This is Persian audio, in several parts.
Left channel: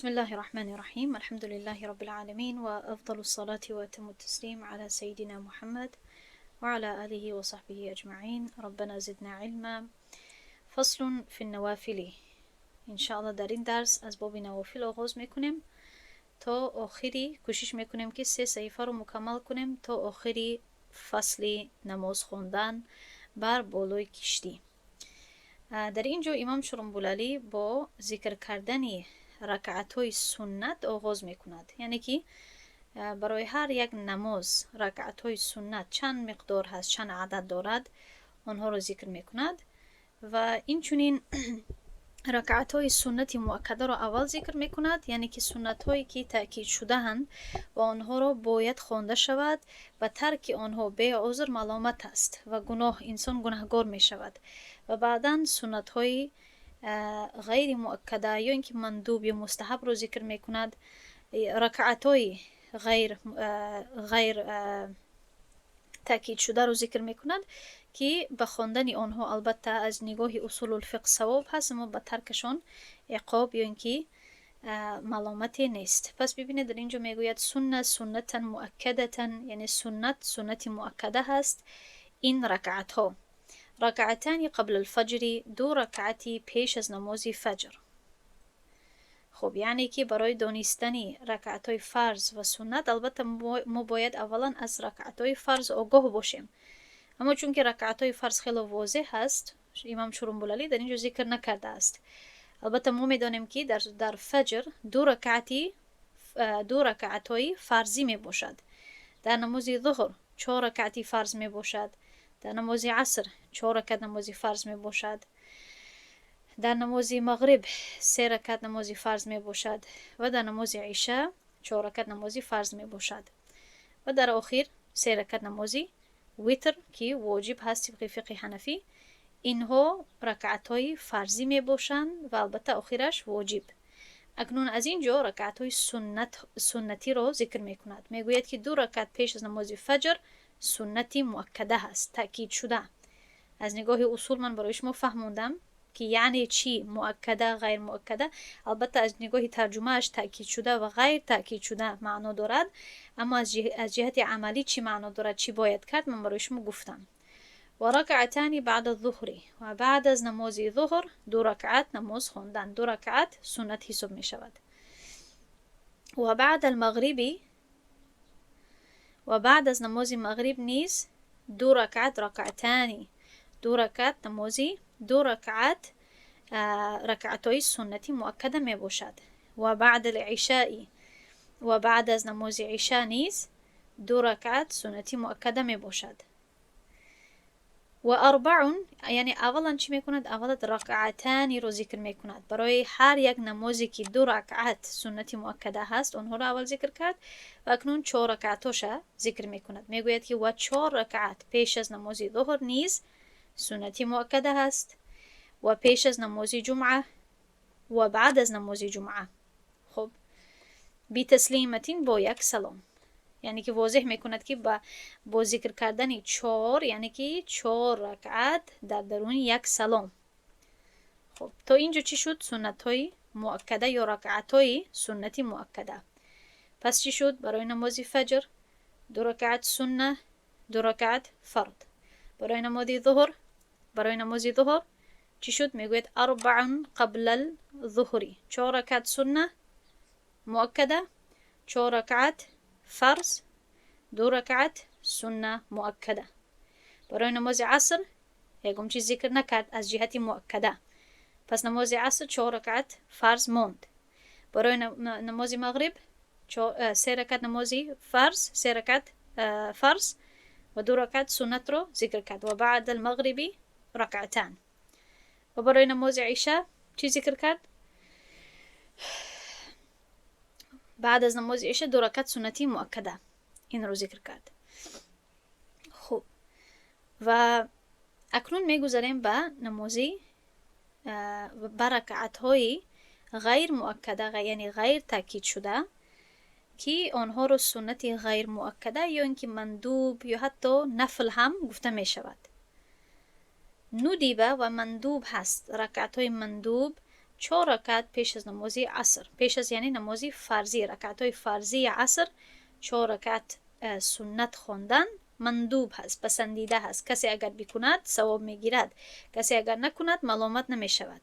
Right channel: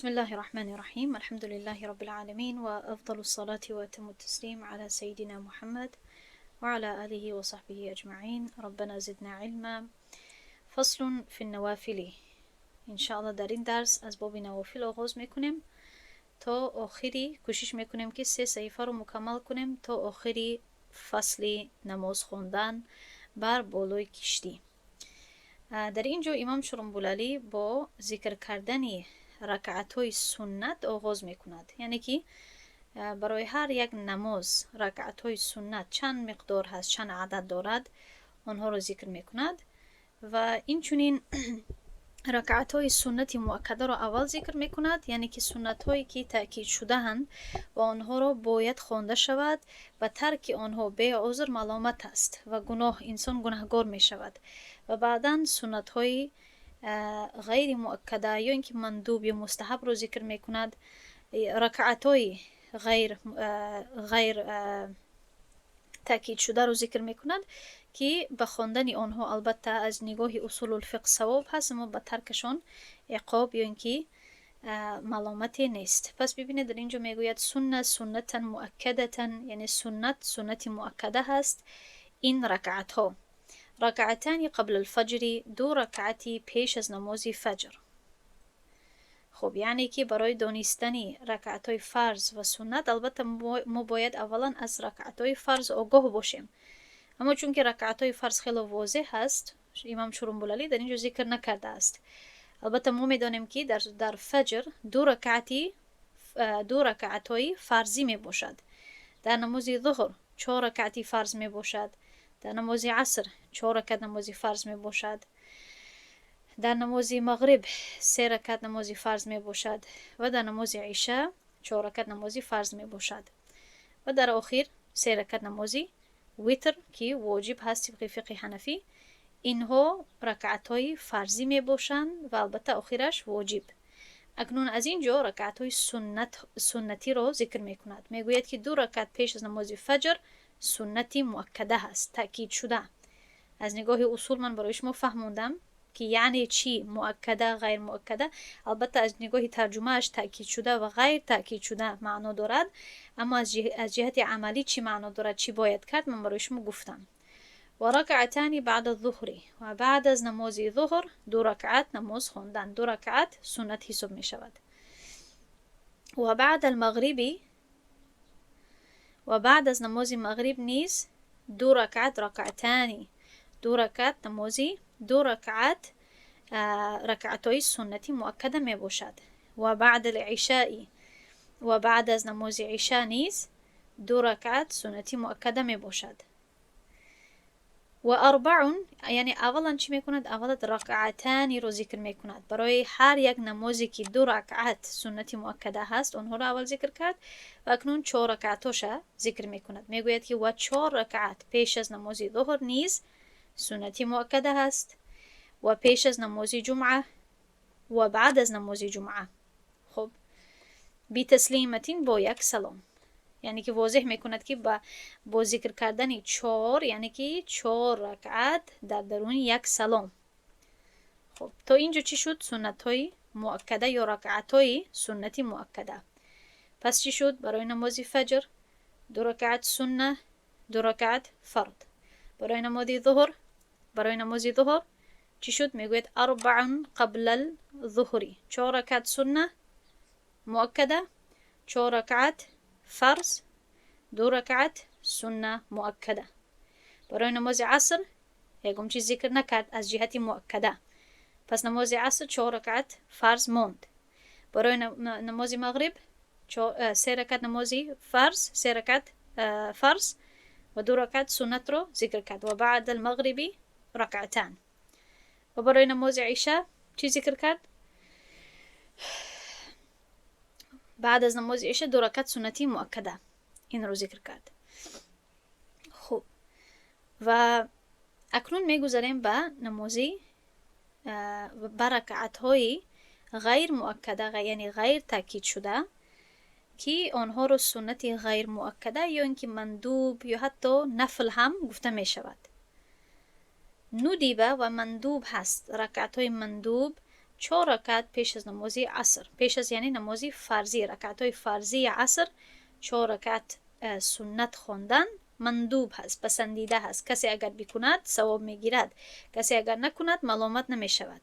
بسم الله الرحمن الرحيم. الحمد لله رب العالمين، وأفضل الصلاة وأتم التسليم على سيدنا محمد وعلى آله وصحبه أجمعين. ربنا زدنا علما. فصل في النوافل. إن شاء الله در این درس از باب نوافل آغاز میکنیم تا آخری. کوشش میکنیم که 3 صحیفه رو مکمل کنیم تا آخری فصل نماز خوندن بر بالای کشتی. در اینجا امام شرنبولالی با ذکر کردن رکعت‌های سنت آغاز میکند. یعنی که برای هر یک نماز رکعت‌های سنت چند مقدار هست، چند عدد دارد، آنها را ذکر میکند و این چنین رکعت‌های سنت مؤکده را اول ذکر میکند. یعنی که سنت‌هایی که تأکید شده اند و آنها را باید خوانده شود و ترک آنها به عذر ملامت است و انسان گناهگار میشود. و بعداً سنت‌های غیر مؤکده یا اینکه مندوب یا مستحب رو ذکر میکند. رکعت‌های غیر تأکید شده رو ذکر میکند که به خواندن آنها البته از نگاه اصول الفقه ثواب هست، اما به ترکشان عقاب یا اینکه ملامت نیست. پس ببینید در اینجا میگوید سنتا مؤکدتا، یعنی سنت مؤکده هست این رکعت ها. رکعتانی قبل الفجر، 2 رکعتی پیش از نماز فجر. خب یعنی که برای دانستن رکعت‌های فرض و سنت البته ما باید اولا از رکعت‌های فرض آگاه باشیم، اما چون که رکعت‌های فرض خیلی واضح هست امام شرنبولالی در اینجا ذکر نکرده است. البته ما میدانیم که در فجر 2 رکعت‌های فرضی می باشد. در نماز ظهر 4 رکعتی فرض می باشد. در نماز عصر 4 رکعت نماز فرض می باشد. در نماز مغرب 3 رکعت نماز فرض می باشد و در نماز عشاء 4 رکعت نماز فرض می باشد و در آخر 3 رکعت نماز ویتر که واجب هست طبق فقه حنفی. اینها رکعت‌های فرضی می باشند و البته آخرش واجب. اکنون از اینجا رکعت‌های سنتی را ذکر می کند. می گوید که 2 رکعت پیش از نماز فجر سنتی مؤکده هست، تأکید شده. از نگاه اصول من برای شما فهموندم که یعنی چی مؤکده غیر مؤکده. البته از نگاه ترجمه اش تأکید شده و غیر تأکید شده معنا دارد، اما از جهت عملی چی معنا دارد، چی باید کرد، من برای شما گفتم. و رکعتانی بعد الظهر، و بعد از نماز ظهر 2 رکعت نماز خواندن. 2 رکعت سنت حساب می شود. و بعد المغربی، و بعد از نماز مغرب نیز 2 رکعت رکعتانی، 2 رکعت نمازی، 2 رکعت رکعت‌های سنتی مؤکده می باشد. و بعد العشاء، و بعد از نماز عشاء نیز 2 رکعت سنتی مؤکده می باشد. و 4، یعنی اولا چی می کند؟ اولا رکعتانی رو ذکر می کند. برای هر یک نمازی که 2 رکعت سنتی مؤکده هست اونها رو اول ذکر کرد و اکنون 4 رکعتوش ذکر می کند. می گوید که و 4 رکعت پیش از نماز ظهر نیز سنتی مؤکده هست و پیش از نماز جمعه و بعد از نماز جمعه. خب بی تسلیمتین با 1 سلام، یعنی که واضح میکند که با ذکر کردن 4 یعنی که 4 رکعت در درون 1 سلام. خب تا اینجا چی شد؟ سنت های مؤکده یا رکعت های سنتی مؤکده. پس چی شد؟ برای نماز فجر 2 رکعت سنه، 2 رکعت فرض. برای نماز ظهر چی شد؟ میگوید 4 قبل الظهر، 4 رکعت سنه مؤکده، 4 رکعت فرض، 2 رکعت سنه مؤکده. برای نماز عصر یکم چیز ذکر نکرد از جهت مؤکده، پس نماز عصر 4 رکعت فرض موند. برای نماز مغرب 3 رکعت نماز فرض، 3 رکعت فرض و 2 رکعت سنت رو ذکر کرد. و بعد المغربی رکعتان. و برای نماز عشاء چی ذکر کرد؟ بعد از نماز عشاء 2 رکعت سنتی مؤکده، این رو ذکر کرد. خب و اکنون میگذاریم به نمازی رکعت های غیر مؤکده، یعنی غیر تأکید شده، که آنها رو سنت غیر مؤکده یا اینکه مندوب یا حتی نفل هم گفته می شود. ندیبه و مندوب هست. رکعت های مندوب 4 رکعت پیش از نماز عصر. پیش از یعنی نماز فرضی، رکعت های فرضی عصر 4 رکعت سنت خواندن مندوب هست، پسندیده هست. کسی اگر بکند ثواب میگیرد، کسی اگر نکند ملامت نمی شود.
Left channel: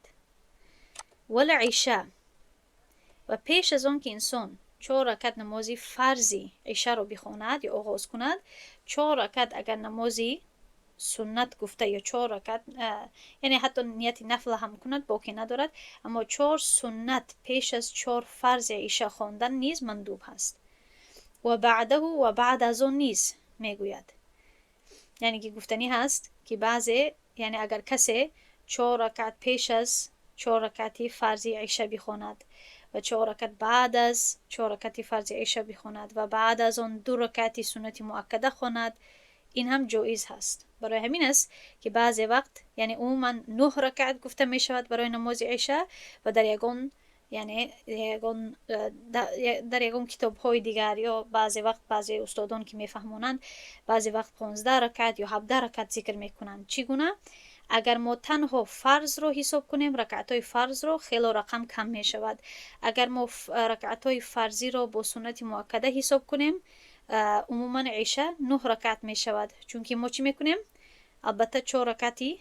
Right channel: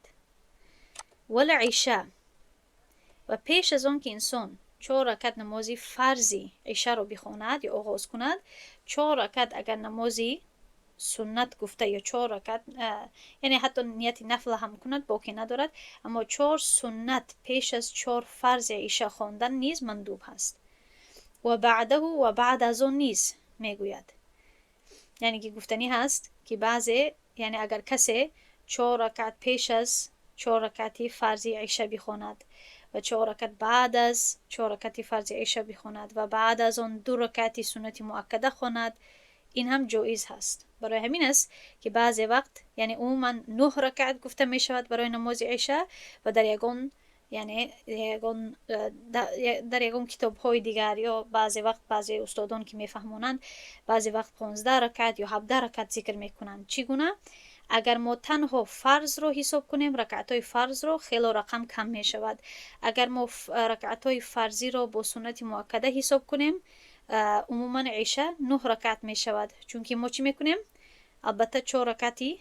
والعشاء، و پیش از اون که انسان 4 رکعت نماز فرضی عشاء رو بخواند یا آغاز کند، 4 رکعت اگر نمازی سنت گفته یا 4 رکعت یعنی حتی نیت نفل هم کند باقی ندارد، اما 4 سنت پیش از 4 فرض عشاء خواندن نیز مندوب هست. و بعده، و بعد از اون نیز میگوید، یعنی که گفتنی هست که بعضی، یعنی اگر کسی 4 رکعت پیش از 4 رکعتی فرضی عشاء بخواند و 4 رکعت بعد از 4 رکعتی فرضی عشاء بخواند و بعد از اون 2 رکعتی سنت مؤکده خواند، این هم جایز هست. برای همین است که بعضی وقت یعنی عموما 9 رکعت گفته می شود برای نماز عشاء و در یگان یعنی در یگان کتاب های دیگر یا بعضی وقت بعضی استادان که میفهمونند بعضی وقت 15 رکعت یا 17 رکعت ذکر میکنند. چگونه؟ اگر ما تنها فرض رو حساب کنیم، رکعت های فرض رو، خیلی رقم کم می شود. اگر ما رکعت های فرضی رو با سنت مؤکده حساب کنیم، عموما عشاء 9 رکعت می شود. چون که ما چی میکنیم؟ البته 4 رکعتی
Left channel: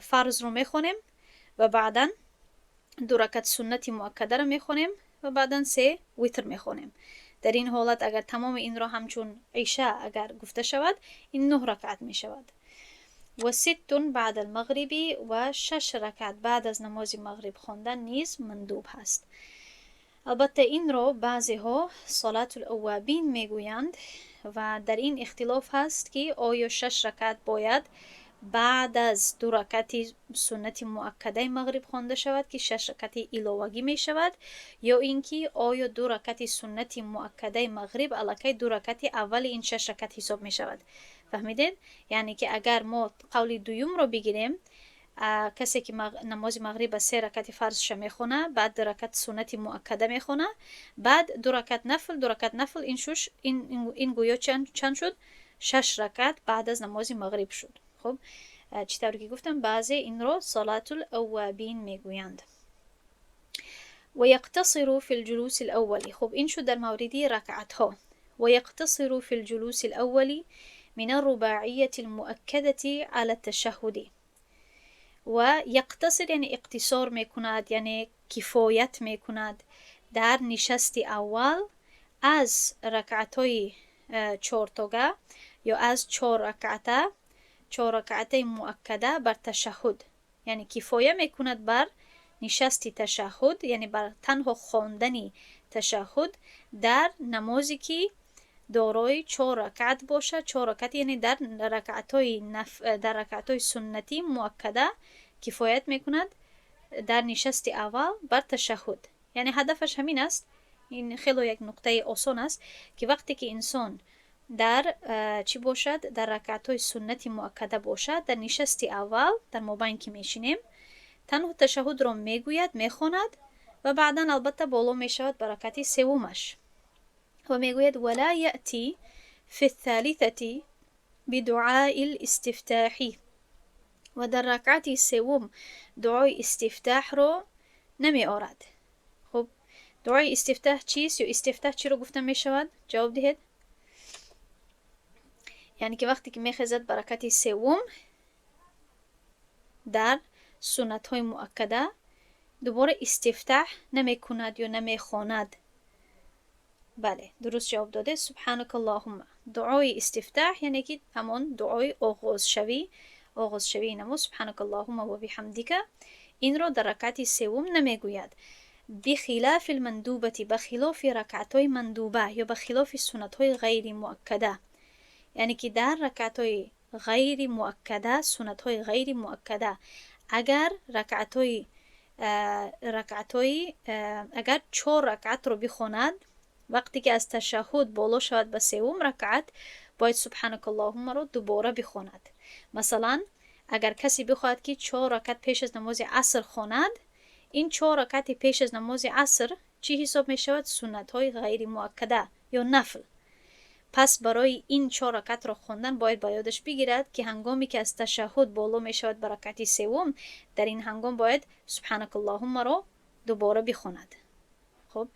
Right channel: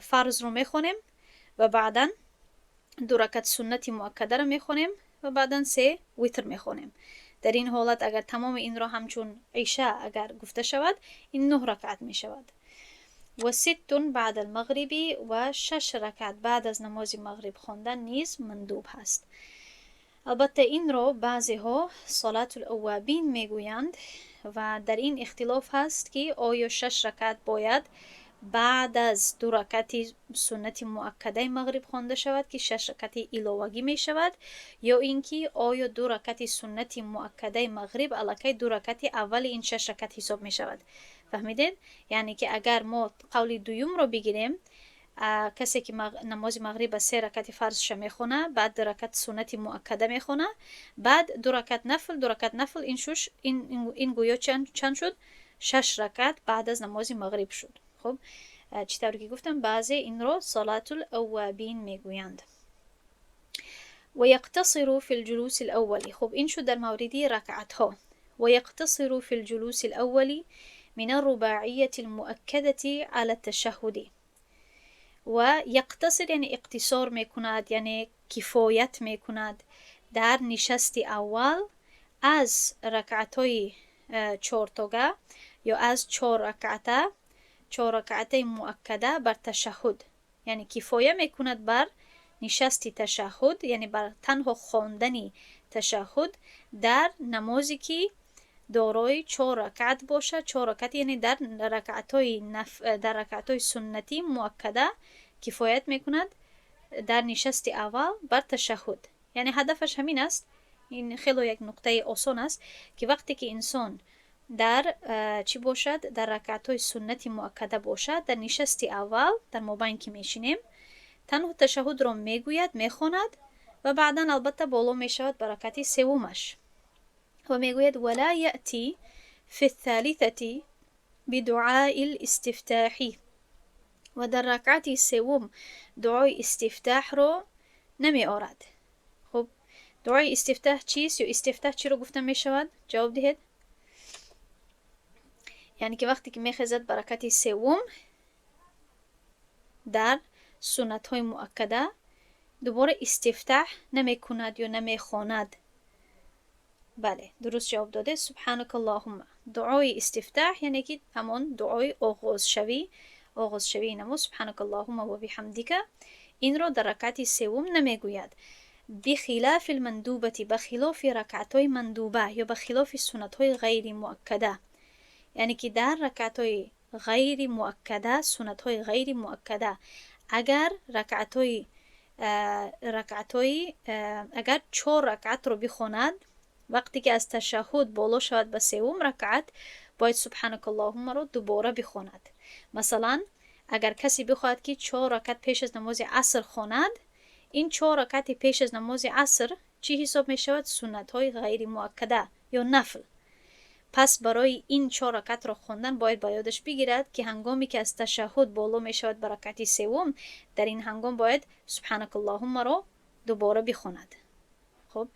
فرض رو میخونیم و بعدا 2 رکعت سنت مؤکده رو میخونیم و بعدا 3 وتر میخونیم. در این حالت اگر تمام این را همچون عشاء اگر گفته شود، این 9 رکعت می شود. و 6 بعد المغربی، و 6 رکعت بعد از نماز مغرب خواندن نیز مندوب هست. البته این را بعضی ها صلات الاوابین میگویند و در این اختلاف هست که آیا 6 رکعت باید بعد از 2 رکعت سنت مؤکده مغرب خوانده شود که 6 رکعت علاوگی می شود، یا اینکه آیا 2 رکعت سنت مؤکده مغرب الکی 2 رکعت اول این 6 رکعت حساب می شود. فهمیدین؟ یعنی که اگر ما قول دوم رو بگیریم، کسی که نماز مغرب 3 رکعت فرضش میخونه، بعد 2 رکعت سنت مؤکده میخونه، بعد 2 رکعت نفل، این گویا چند شد؟ 6 رکعت بعد از نماز مغرب شد. خب چطوری که گفتم بعضی این رو صلات الاوابین میگویند. و یقتصر فی الجلوس الاولی. خب این شد در موردی رکعت ها. و یقتصر فی الجلوس الاولی من الرباعیة المؤکده على التشهد. و یقتصر یعنی اقتصار میکند، یعنی کفایت میکند در نشست اول از رکعتای 4 تاگه یا از 4 رکعت مؤکده بر تشهد، یعنی کفایه میکند بر نشست تشهد، یعنی بر تنها خواندن تشهد در نمازی که دارای 4 رکعت باشه. 4 رکعت یعنی در رکعتای سنتی مؤکده کفایت میکند در نشست اول بر تشهد. یعنی هدفش همین است. این خیلی یک نقطه آسان است که وقتی که انسان در چی باشد، در رکعتای سنتی مؤکده باشد، در نشست اول در مابین که میشینیم تنها تشهد را میگوید، میخواند و بعدا البته بالا میشود بر رکعت سومش و میگوید ولا یأتی فی الثالثه بدعاء الاستفتاح. و در رکعت سوم دعای استفتاح رو نمی آورد. خب دعای استفتاح چیست یا استفتاح چی رو گفته می شود؟ جواب دهید. یعنی که وقتی که میخزد بر رکعت سوم در سنت های مؤکده دوباره استفتاح نمی کند یا نمی خواند. بله درست جواب داده. سبحانك اللهم. دعای استفتاح یعنی که همان دعای آغاز شوی نماز سبحانك اللهم و بحمدک، این رو در رکعت سوم نمیگوید. بخلاف المندوبه، بخلاف رکعت‌های مندوبه یا بخلاف سنت‌های غیر مؤکده، یعنی که در رکعت‌های غیر مؤکده، سنت‌های غیر مؤکده، اگر اگر 4 رکعت رو بخواند، وقتی که از تشهد بالا شود به سوم رکعت باید سبحانك اللهم رو دوباره بخواند. مثلا اگر کسی بخواهد که 4 رکعت پیش از نماز عصر خواند، این 4 رکعت پیش از نماز عصر چی حساب می شود؟ سنت های غیر مؤکده یا نفل. پس برای این 4 رکعت را خواندن باید با یادش بگیرد که هنگامی که از تشهد بالا می شود به رکعت سوم، در این هنگام باید سبحانك اللهم را دوباره بخواند. خب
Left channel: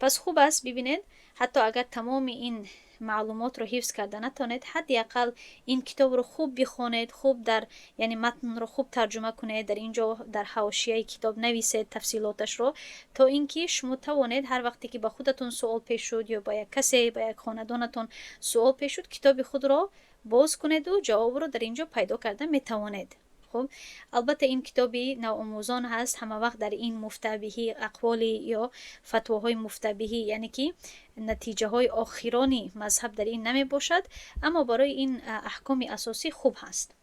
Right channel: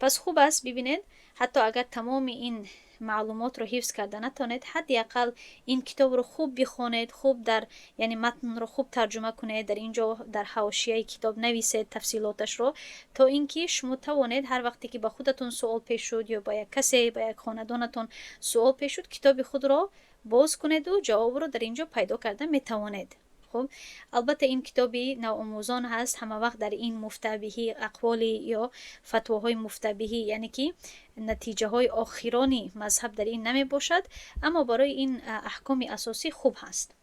پس خوب است ببینید حتی اگر تمام این معلومات رو حفظ کرده نتونید، حداقل این کتاب رو خوب بخونید، خوب در یعنی متن رو خوب ترجمه کنید، در اینجا در حاشیه کتاب نویسید تفصیلاتش رو، تا اینکه شما توانید هر وقتی که با خودتون سوال پیش شد یا با یک کسی با یک خاندانتون سوال پیش شد، کتاب خود رو باز کنید و جواب رو در اینجا پیدا کرده میتوانید. خب البته این کتابی نوآموزان هست، همه وقت در این مفتبهی اقوالی یا فتواهای مفتبهی یعنی که نتیجه های آخرانی مذهب در این نمی باشد، اما برای این احکام اساسی خوب هست.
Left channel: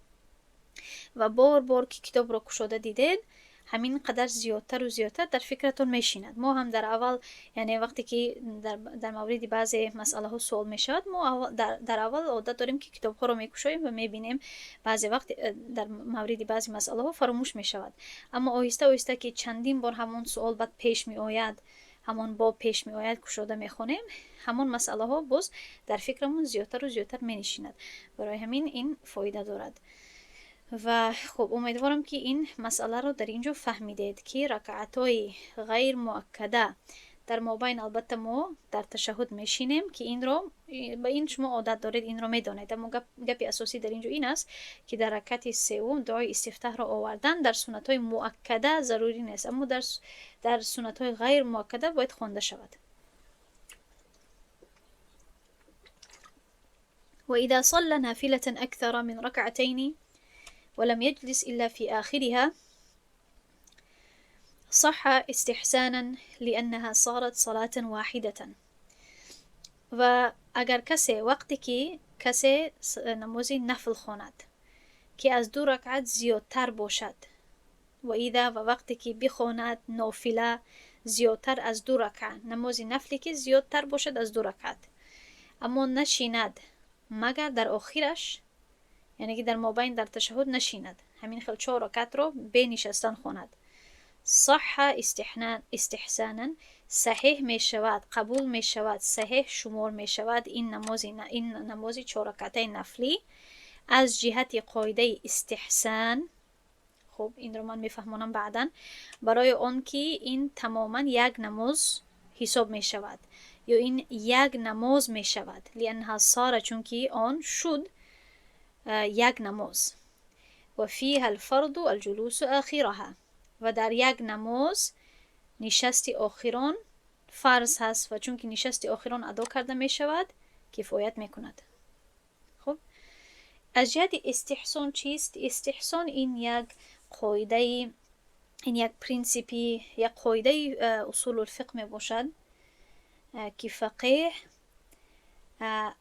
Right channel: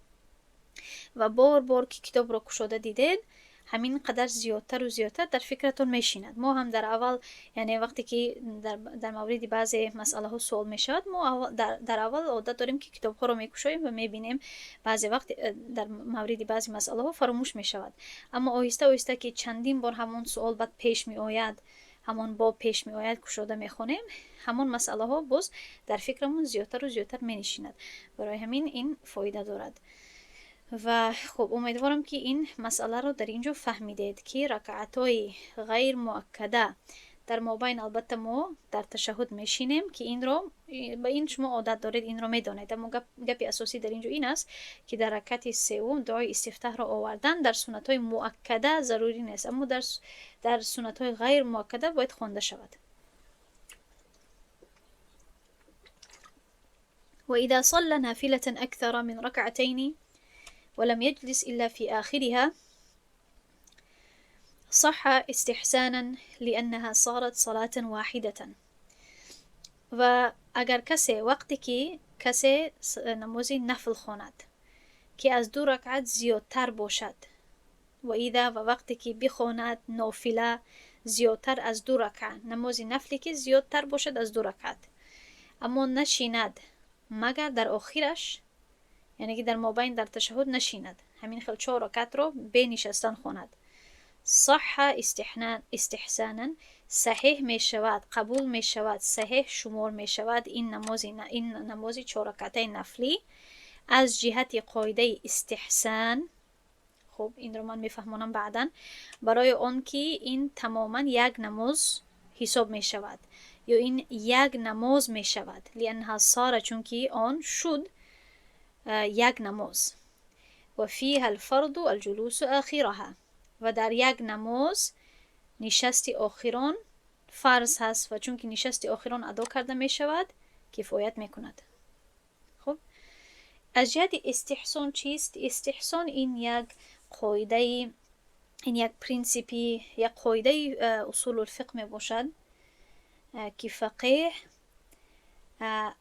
و بار بار که کتاب را کشاده دیدید همین قدر زیادتر و زیادتر در فکرتون میشیند. ما هم در اول یعنی وقتی که در مورد بعضی مسئله ها سوال میشود، ما در اول عادت داریم که کتاب ها رو میکشاییم و میبینیم بعضی وقت در مورد بعضی مسئله ها فراموش میشود، اما آهسته آهسته که چندین بار همون سوال بعد پیش می آید، همون باب پیش می آید، کشاده میخونیم، همون مسئله ها باز در فکرمون زیادتر و زیادتر مینشیند. برای همین این فایده دارد. و خب امیدوارم که این مسئله رو در اینجا فهمیدید که رکعتای غیر مؤکده در مابین، البته ما در تشهد میشینیم که این رو با این شما عادت دارید، این رو میدانید، اما گپی اساسی در اینجا این است که در رکعت سوم دعای استفتاح را آوردن در سنت های مؤکده ضروری نیست، اما در سنت های غیر مؤکده باید خوانده شود. و اذا صلى نافلة اكثر من ركعتين ولم يجلس إلا في آخرها صح استحسانا لأنها صارت صلاة واحدة. و اگر کسی وقتی که کسی نماز نفل خواند که از 2 رکعت زیادتر باشد، و ایده و وقتی که بخواند نافله زیادتر از 2 رکعت، نماز نفلی که زیادتر باشد از 2 رکعت، اما نشیند مگر در آخرش، یعنی که در مابین در تشهد نشیند، همین خیلی 4 رکعت رو به نشستن خواند، صح استحسانا صحیح می شود، قبول می شود، صحیح شمار می شود این نماز 4 رکعته نفلی از جهت قاعده استحسان. خب این رو من میفهمونم بعداً، برای آن که این تماما یک نماز حساب می شود یا این یک نماز می شود، لانها صار، چون که آن شد یک نماز، و فیها الفرض الجلوس آخرها، و در یک نماز نشست آخران فرض هست، و چون که نشست آخران ادا کرده می شود کفایت می کند. خب از جهت استحسان چیست؟ استحسان این یک قاعده، این یک پرینسیپی، یک قاعده اصول الفقه می باشد که فقیه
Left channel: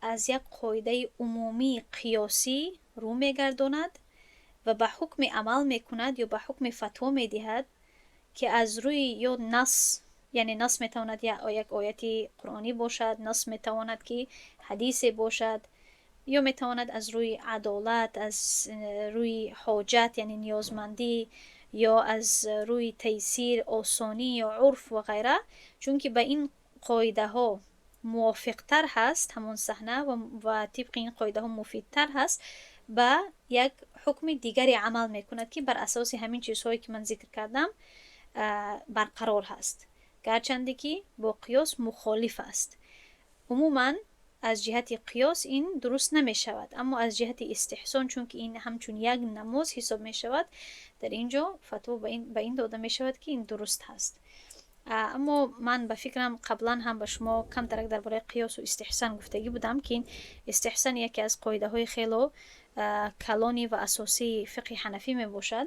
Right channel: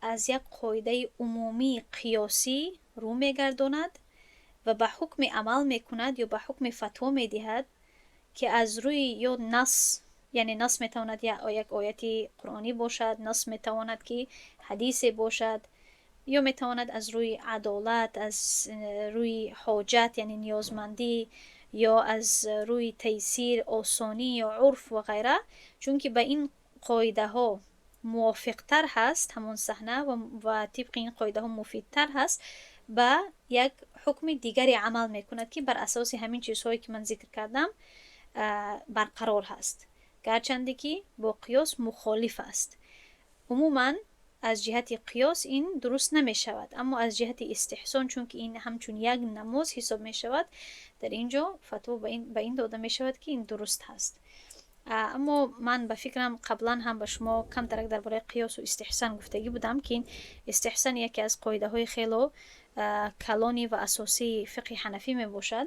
از یک قاعده عمومی قیاسی رو میگرداند و به حکم عمل میکند یا به حکم فتوا میدهد که از روی یا نص، یعنی نص میتواند یا یک آیت قرآنی باشد، نص میتواند که حدیث باشد، یا میتواند از روی عدالت، از روی حاجت یعنی نیازمندی، یا از روی تیسیر آسانی یا عرف و غیره، چون که به این قاعده ها موافق تر هست همون صحنه و طبق این قاعده ها مفید تر هست، به یک حکم دیگری عمل میکند که بر اساس همین چیزهایی که من ذکر کردم برقرار هست، گرچنده که با قیاس مخالف است. عموما از جهت قیاس این درست نمی شود، اما از جهت استحسان چون که این همچون یک نماز حساب می شود، در اینجا فتوا به این داده می شود که این درست هست. اما من به فکرم قبلا هم به شما کم ترک درباره قیاس و استحسان گفتگی بودم که این استحسان یکی از قاعده های خیلی کلانی و اساسی فقه حنفی می باشد،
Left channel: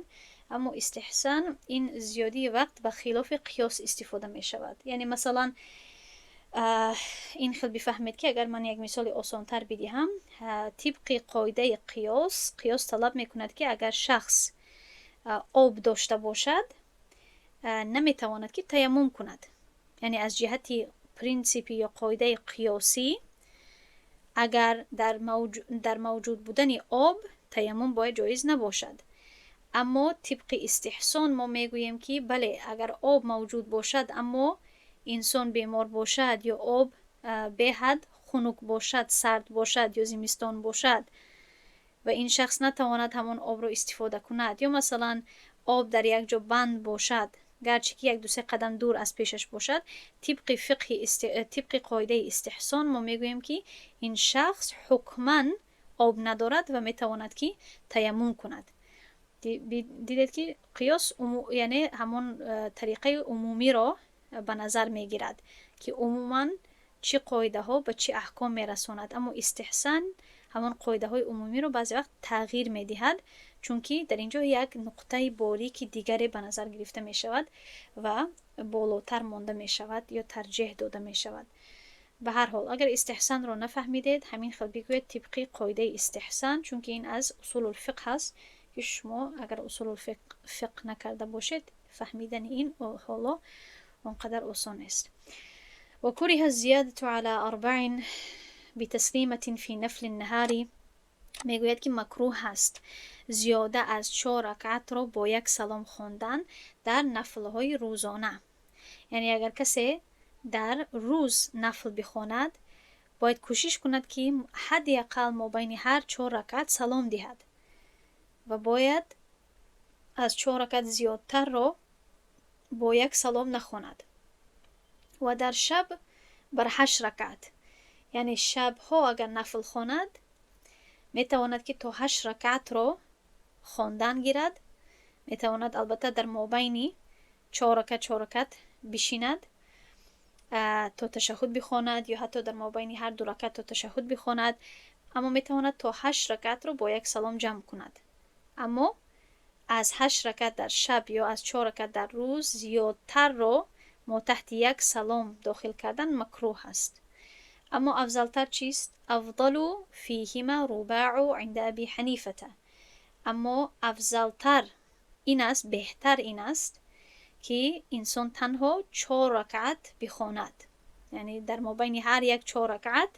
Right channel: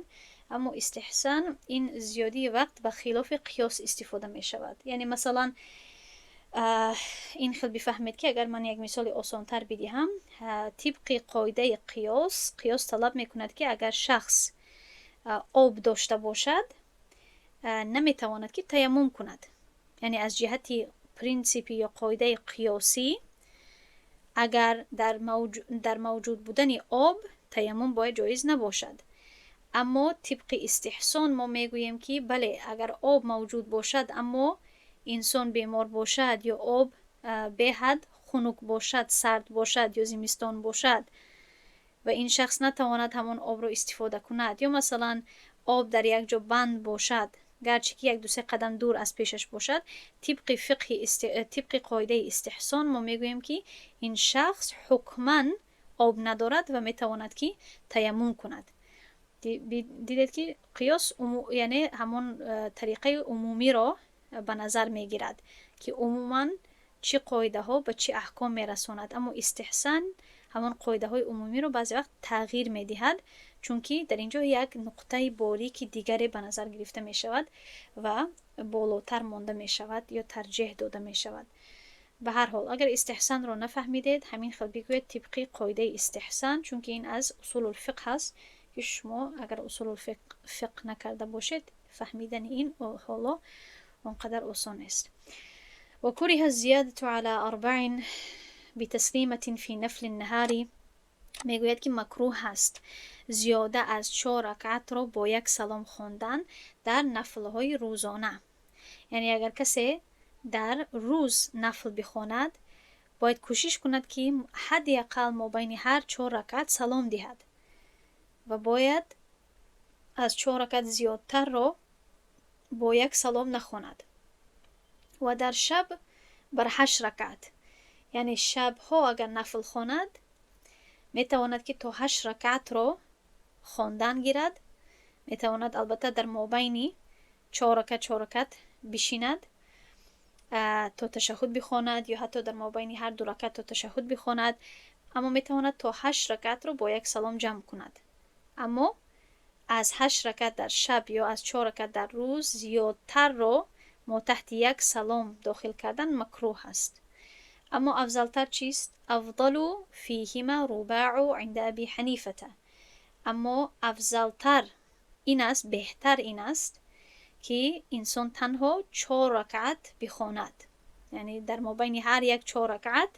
اما استحسان این زیادی وقت به خلاف قیاس استفاده می شود. یعنی مثلا این خیلی بفهمید که اگر من یک مثال آسانتر بدهم، طبق قاعده قیاس طلب می کند که اگر شخص آب داشته باشد نمیتواند که تیمم کند، یعنی از جهت پرینسیپی یا قاعده قیاسی اگر در موجود بودن آب تیمم باید جایز نباشد، اما طبق استحسان ما میگوییم که بله اگر آب موجود باشد اما انسان بیمار باشد یا آب به حد خنک باشد، سرد باشد یا زمستان باشد و این شخص نتواند همون آب رو استفاده کند، یا مثلا آب در یک جا بند باشد گرچه که یک دو سه قدم دور از پیشش باشد، طبق قاعده استحسان ما میگوییم که این شخص حکماً آب ندارد و میتواند که تیمم کند. دیدید که قیاس یعنی همون طریقه عمومی را به نظر میگیرد که عموماً چه قاعده ها به چه احکام میرساند، اما استحسان همون قاعده های عمومی رو بعضی وقت تغییر میدهد، چون که در اینجا یک نقطه باریک دیگری به نظر گرفته می شود و بالاتر مانده می شود یا ترجیح داده می شود. به هر حال اگر استحسان رو نفهمیدید، همین خیلی بگوید طبق قاعده استحسان، چون که این از اصول الفقه هست که شما اگر اصول الفقه نکرده باشید فهمیدن این حالا اونقدر آسان است. و کره الزیادة على 4 بتسلیمة فی نفل النهار، میگوید که مکروه هست زیاده از 4 رکعت را با یک سلام خواندن در نفل‌های روزانه. یعنی اگر کسی در روز نفل بخواند، باید کوشش کند که حداقل مابین هر 4 رکعت سلام دهد و باید از 4 رکعت زیادتر را با یک سلام نخواند. و در شب بر 8 رکعت، یعنی شبها اگر نفل خواند میتواند که تا 8 رکعت را خواندن گیرد. میتواند البته در مابین 4 رکعت بشیند تا تشهد بخواند، یا حتی در مابین هر 2 رکعت تا تشهد بخواند، اما میتواند تا 8 رکعت را با یک سلام جمع کند. اما از 8 رکعت در شب یا از 4 رکعت در روز زیادتر را ما تحت یک سلام داخل کردن مکروه است. اما افضلتر چیست؟ افضل فیهما رباع عند ابی حنیفه. اما افضلتر این است، بهتر این است که انسان تنها 4 رکعت بخواند، یعنی در مابین هر یک 4 رکعت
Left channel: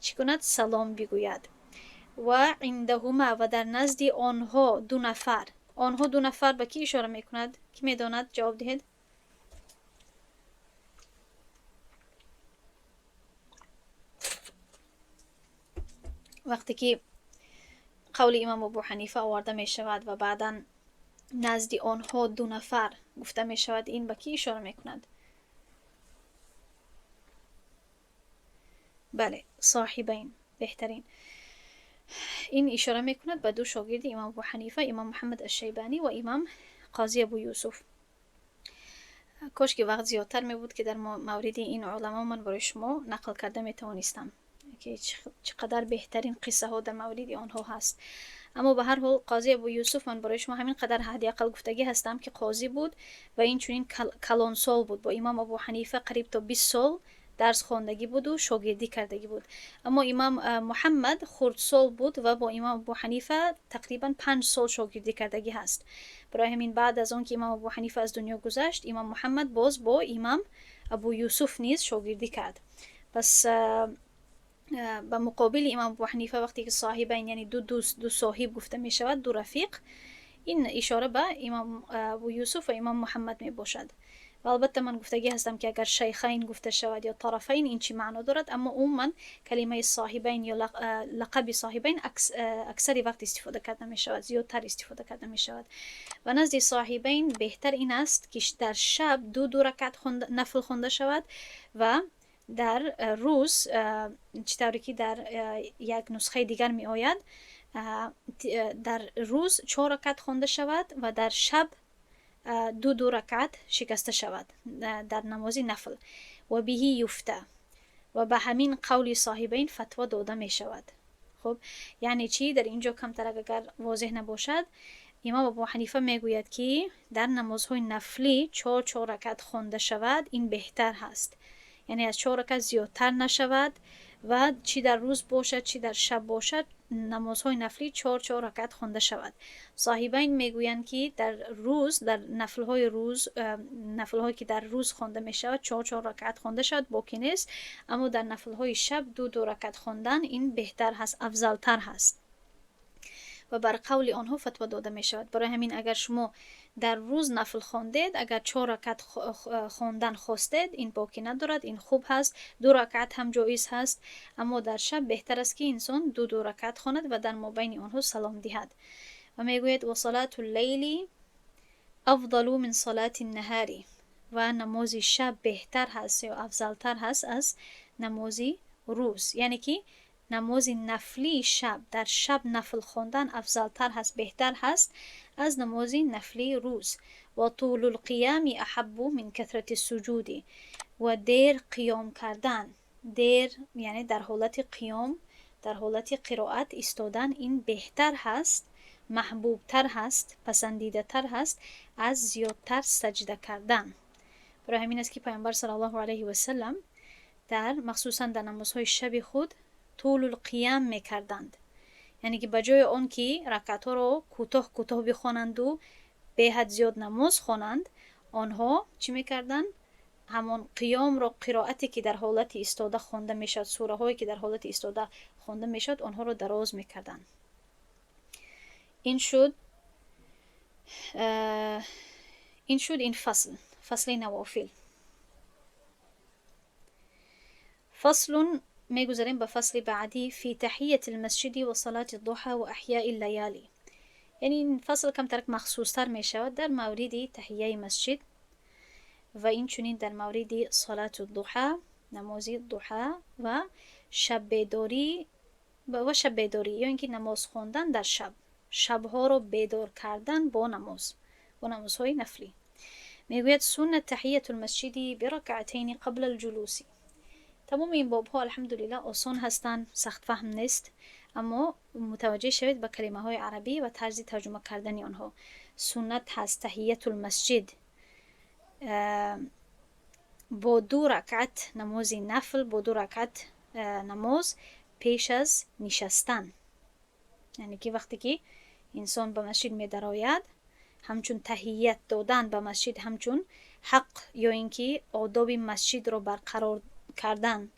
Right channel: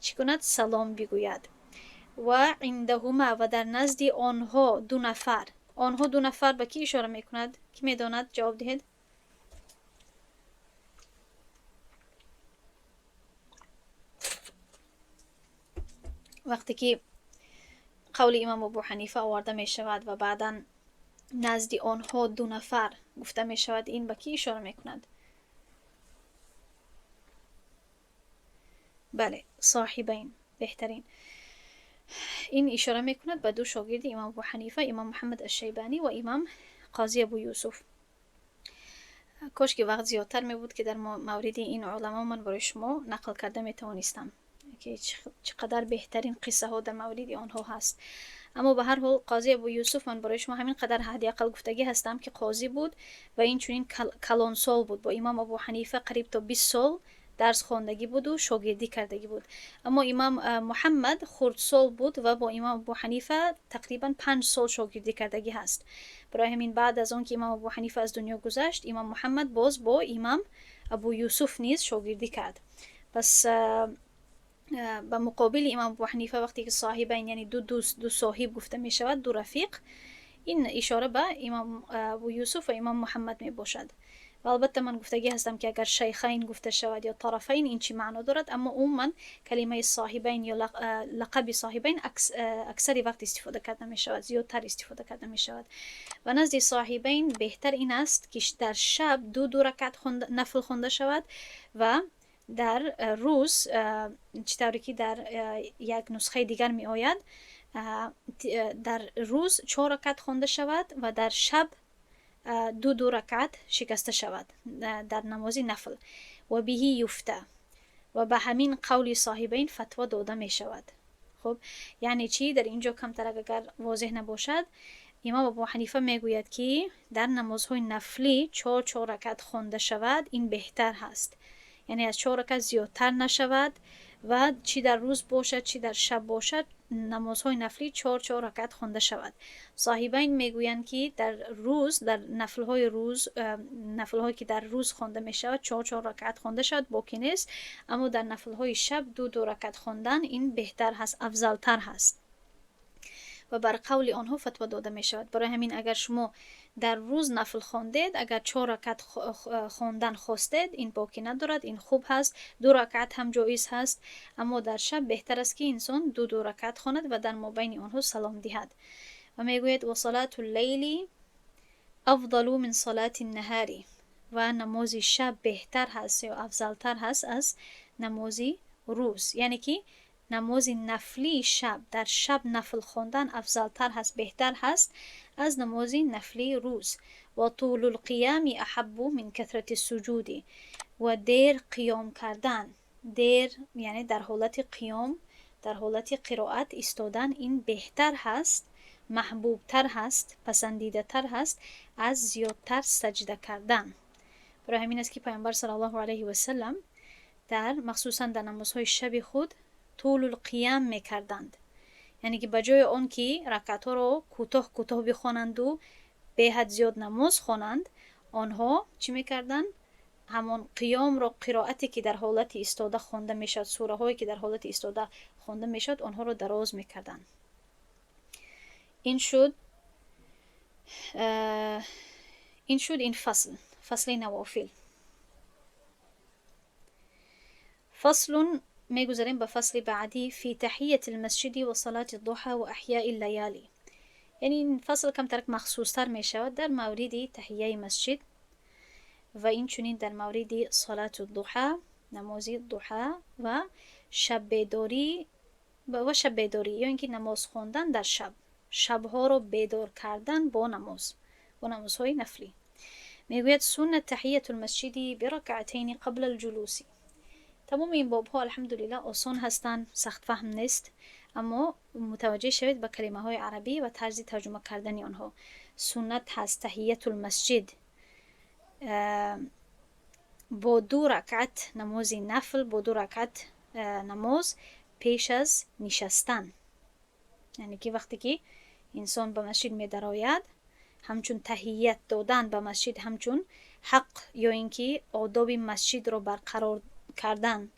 چی کند؟ سلام بگوید. و عندهما، و در نزد آنها 2 نفر. آنها 2 نفر به کی اشاره میکند؟ کی میداند؟ جواب دهید. وقتی که قول امام ابو حنیفه آورده می شود و بعدا نزد آنها 2 نفر گفته می شود، این به کی اشاره می کند؟ بله، صاحبین. بهترین این اشاره می کند به 2 شاگرد امام ابو حنیفه، امام محمد الشیبانی و امام قاضی ابو یوسف. کاش که وقت زیادتر می بود که در مورد این علما من برای شما نقل کرده می توانستم که چقدر بهترین قصه ها در مورد آنها هست. اما به هر حال قاضی ابو یوسف من برای شما همین قدر حداقل گفتگی هستم که قاضی بود و این چنین کلان سال بود، با امام ابو حنیفه قریب تا 20 سال درس خواندگی بود و شاگردی کردگی بود. اما امام محمد خرد سال بود و با امام ابو حنیفه تقریبا 5 سال شاگردی کردگی هست. برای همین بعد از اون که امام ابو حنیفه از دنیا گذشت، امام محمد باز با امام ابو یوسف نیز شاگردی کرد. پس به مقابل امام ابو حنیفه وقتی که صاحبین یعنی دو صاحب گفته می شود، 2 رفیق، این اشاره به امام ابو یوسف و امام محمد می باشد. و البته من گفتگی هستم که اگر شیخین گفته شود یا طرفین این چی معنا دارد، اما عموما کلمه صاحبین یا لقب صاحبین اکثری وقت استفاده کرده می شود، زیادتر استفاده کرده می شود. و نزد صاحبین بهتر این است که در شب 2 رکعت نفل خوانده شود و در روز چطوری که در یک نسخه دیگر می آید، در روز 4 رکعت خوانده شود و در شب 2 رکعت شکسته شود در نماز نفل. و بهی یفته، و به همین قول صاحبین فتوا داده می شود. خب یعنی چی؟ در اینجا کمتر اگر واضح نباشد، امام ابو حنیفه میگوید که در نمازهای نفلی 4 رکعت خوانده شود این بهتر هست، یعنی از 4 رکعت زیادتر نشود و چی در روز باشد چی در شب باشد نمازهای نفلی 4 رکعت خوانده شود. صاحبین میگویند که در روز، در نفل‌هایی که در روز خوانده می شود 4 رکعت خوانده شود باکی نیست، اما در نفل‌های شب 2 رکعت خواندن این بهتر هست، افضلتر هست و بر قول آنها فتوا داده می شود. برای همین اگر شما در روز نفل خواندید، اگر 4 رکعت خواندن خواستید، این باکی ندارد، این خوب هست. 2 رکعت هم جایز هست، اما در شب بهتر است که انسان 2 رکعت خواند و در مابین آنها سلام دهد. و میگوید و صلات اللیل افضل من صلاة النهار، و نماز شب بهتر هست یا افضلتر هست از نماز روز. یعنی که نماز نفلی شب، در شب نفل خواندن افضلتر هست، بهتر هست از نماز نفلی روز. و طول القیام احب من کثرت السجود، و دیر قیام کردن، دیر یعنی در حالت قیام، در حالت قرائت ایستادن، این بهتر هست، محبوب تر هست، پسندیده تر هست از زیادتر سجده کردن. برای همین است که پیامبر صلی الله علیه و سلم در مخصوصا در نمازهای شب خود طول القیام میکردند. یعنی که بجای آن که رکعت ها رو کوتاه کوتاه بخوانند و به حد زیاد نماز خوانند، آنها چی میکردند؟ همون قیام رو، قرائتی که در حالت ایستاده خوانده میشد، سوره هایی که در حالت ایستاده خوانده میشد، آنها رو دراز میکردند. این شد این فصل نوافل. فصل میگذاریم به فصل بعدی، فی تحییت المسجد و صلاة الضحى و احیاء اللیالی. یعنی این فصل کم ترک مخصوص تر می شود در مورد تحییه مسجد و این چنین در مورد صلاة الضحى، نماز ضحى و شب بیداری یا اینکه نماز خواندن در شب، شبها رو بیدار کردن با نمازهای نفلی. میگوید سنت تحییت المسجد برکعتین قبل الجلوس. تمام این باب ها الحمدلله آسان هستند، سخت فهم نیست، اما متوجه شوید به کلمه های عربی و طرز ترجمه کردن آنها. سنت هست تحییت المسجد با 2 رکعت نماز نفل، با 2 رکعت نماز پیش از نشستن. یعنی که وقتی که انسان به مسجد می درآید، همچون تحییت دادن به مسجد، همچون حق یا اینکه آداب مسجد رو برقرار کردن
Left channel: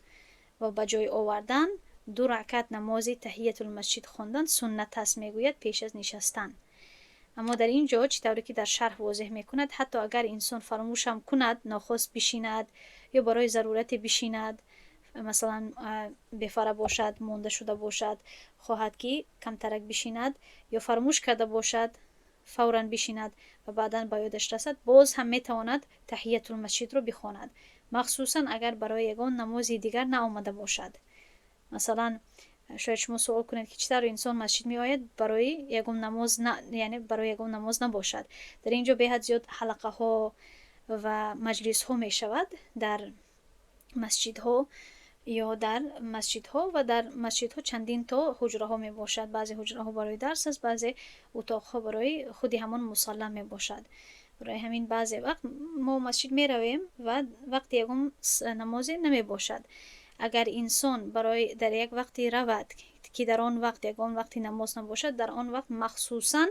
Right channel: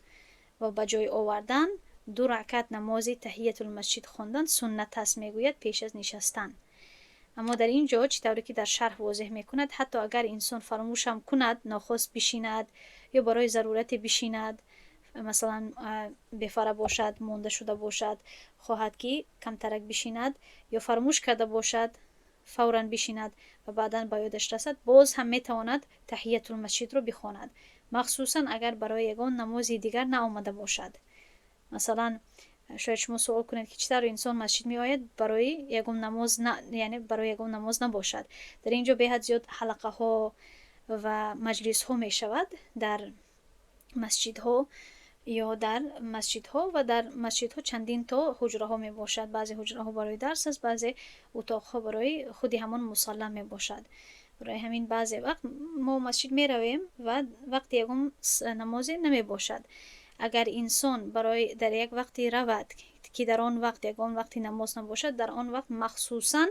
و به جای آوردن، 2 رکعت نماز تحییت المسجد خواندن سنت است، میگوید پیش از نشستن. اما در اینجا چطوری که در شرح واضح میکند، حتی اگر انسان فراموش هم کند، ناخواست بشیند یا برای ضرورت بشیند، مثلا بفره باشد، مونده شده باشد، خواهد که کمترک بشیند یا فراموش کرده باشد فوراً بشیند و بعداً با یادش رسد، باز هم میتواند تحییت المسجد رو بخواند، مخصوصا اگر برای یگان نمازی دیگر نآمده باشد. مثلا شاید شما سوال کنید که چطور انسان مسجد می آید برای یگان نماز یعنی برای یگان نماز نباشد. در اینجا به حد زیاد حلقه ها و مجلس ها می شود در مسجد ها یا در مسجدها، و در مسجدها چندین تا حجره ها می باشد. بعضی حجره ها برای درس است، بعضی اتاق ها برای خودی همان مصلی می باشد. برای همین بعضی وقت ما مسجد می رویم و وقتی یکم نمازی نمی باشد. اگر انسان برای در یک وقتی رود که در آن وقت یگان وقتی نماز نباشد، در آن وقت مخصوصا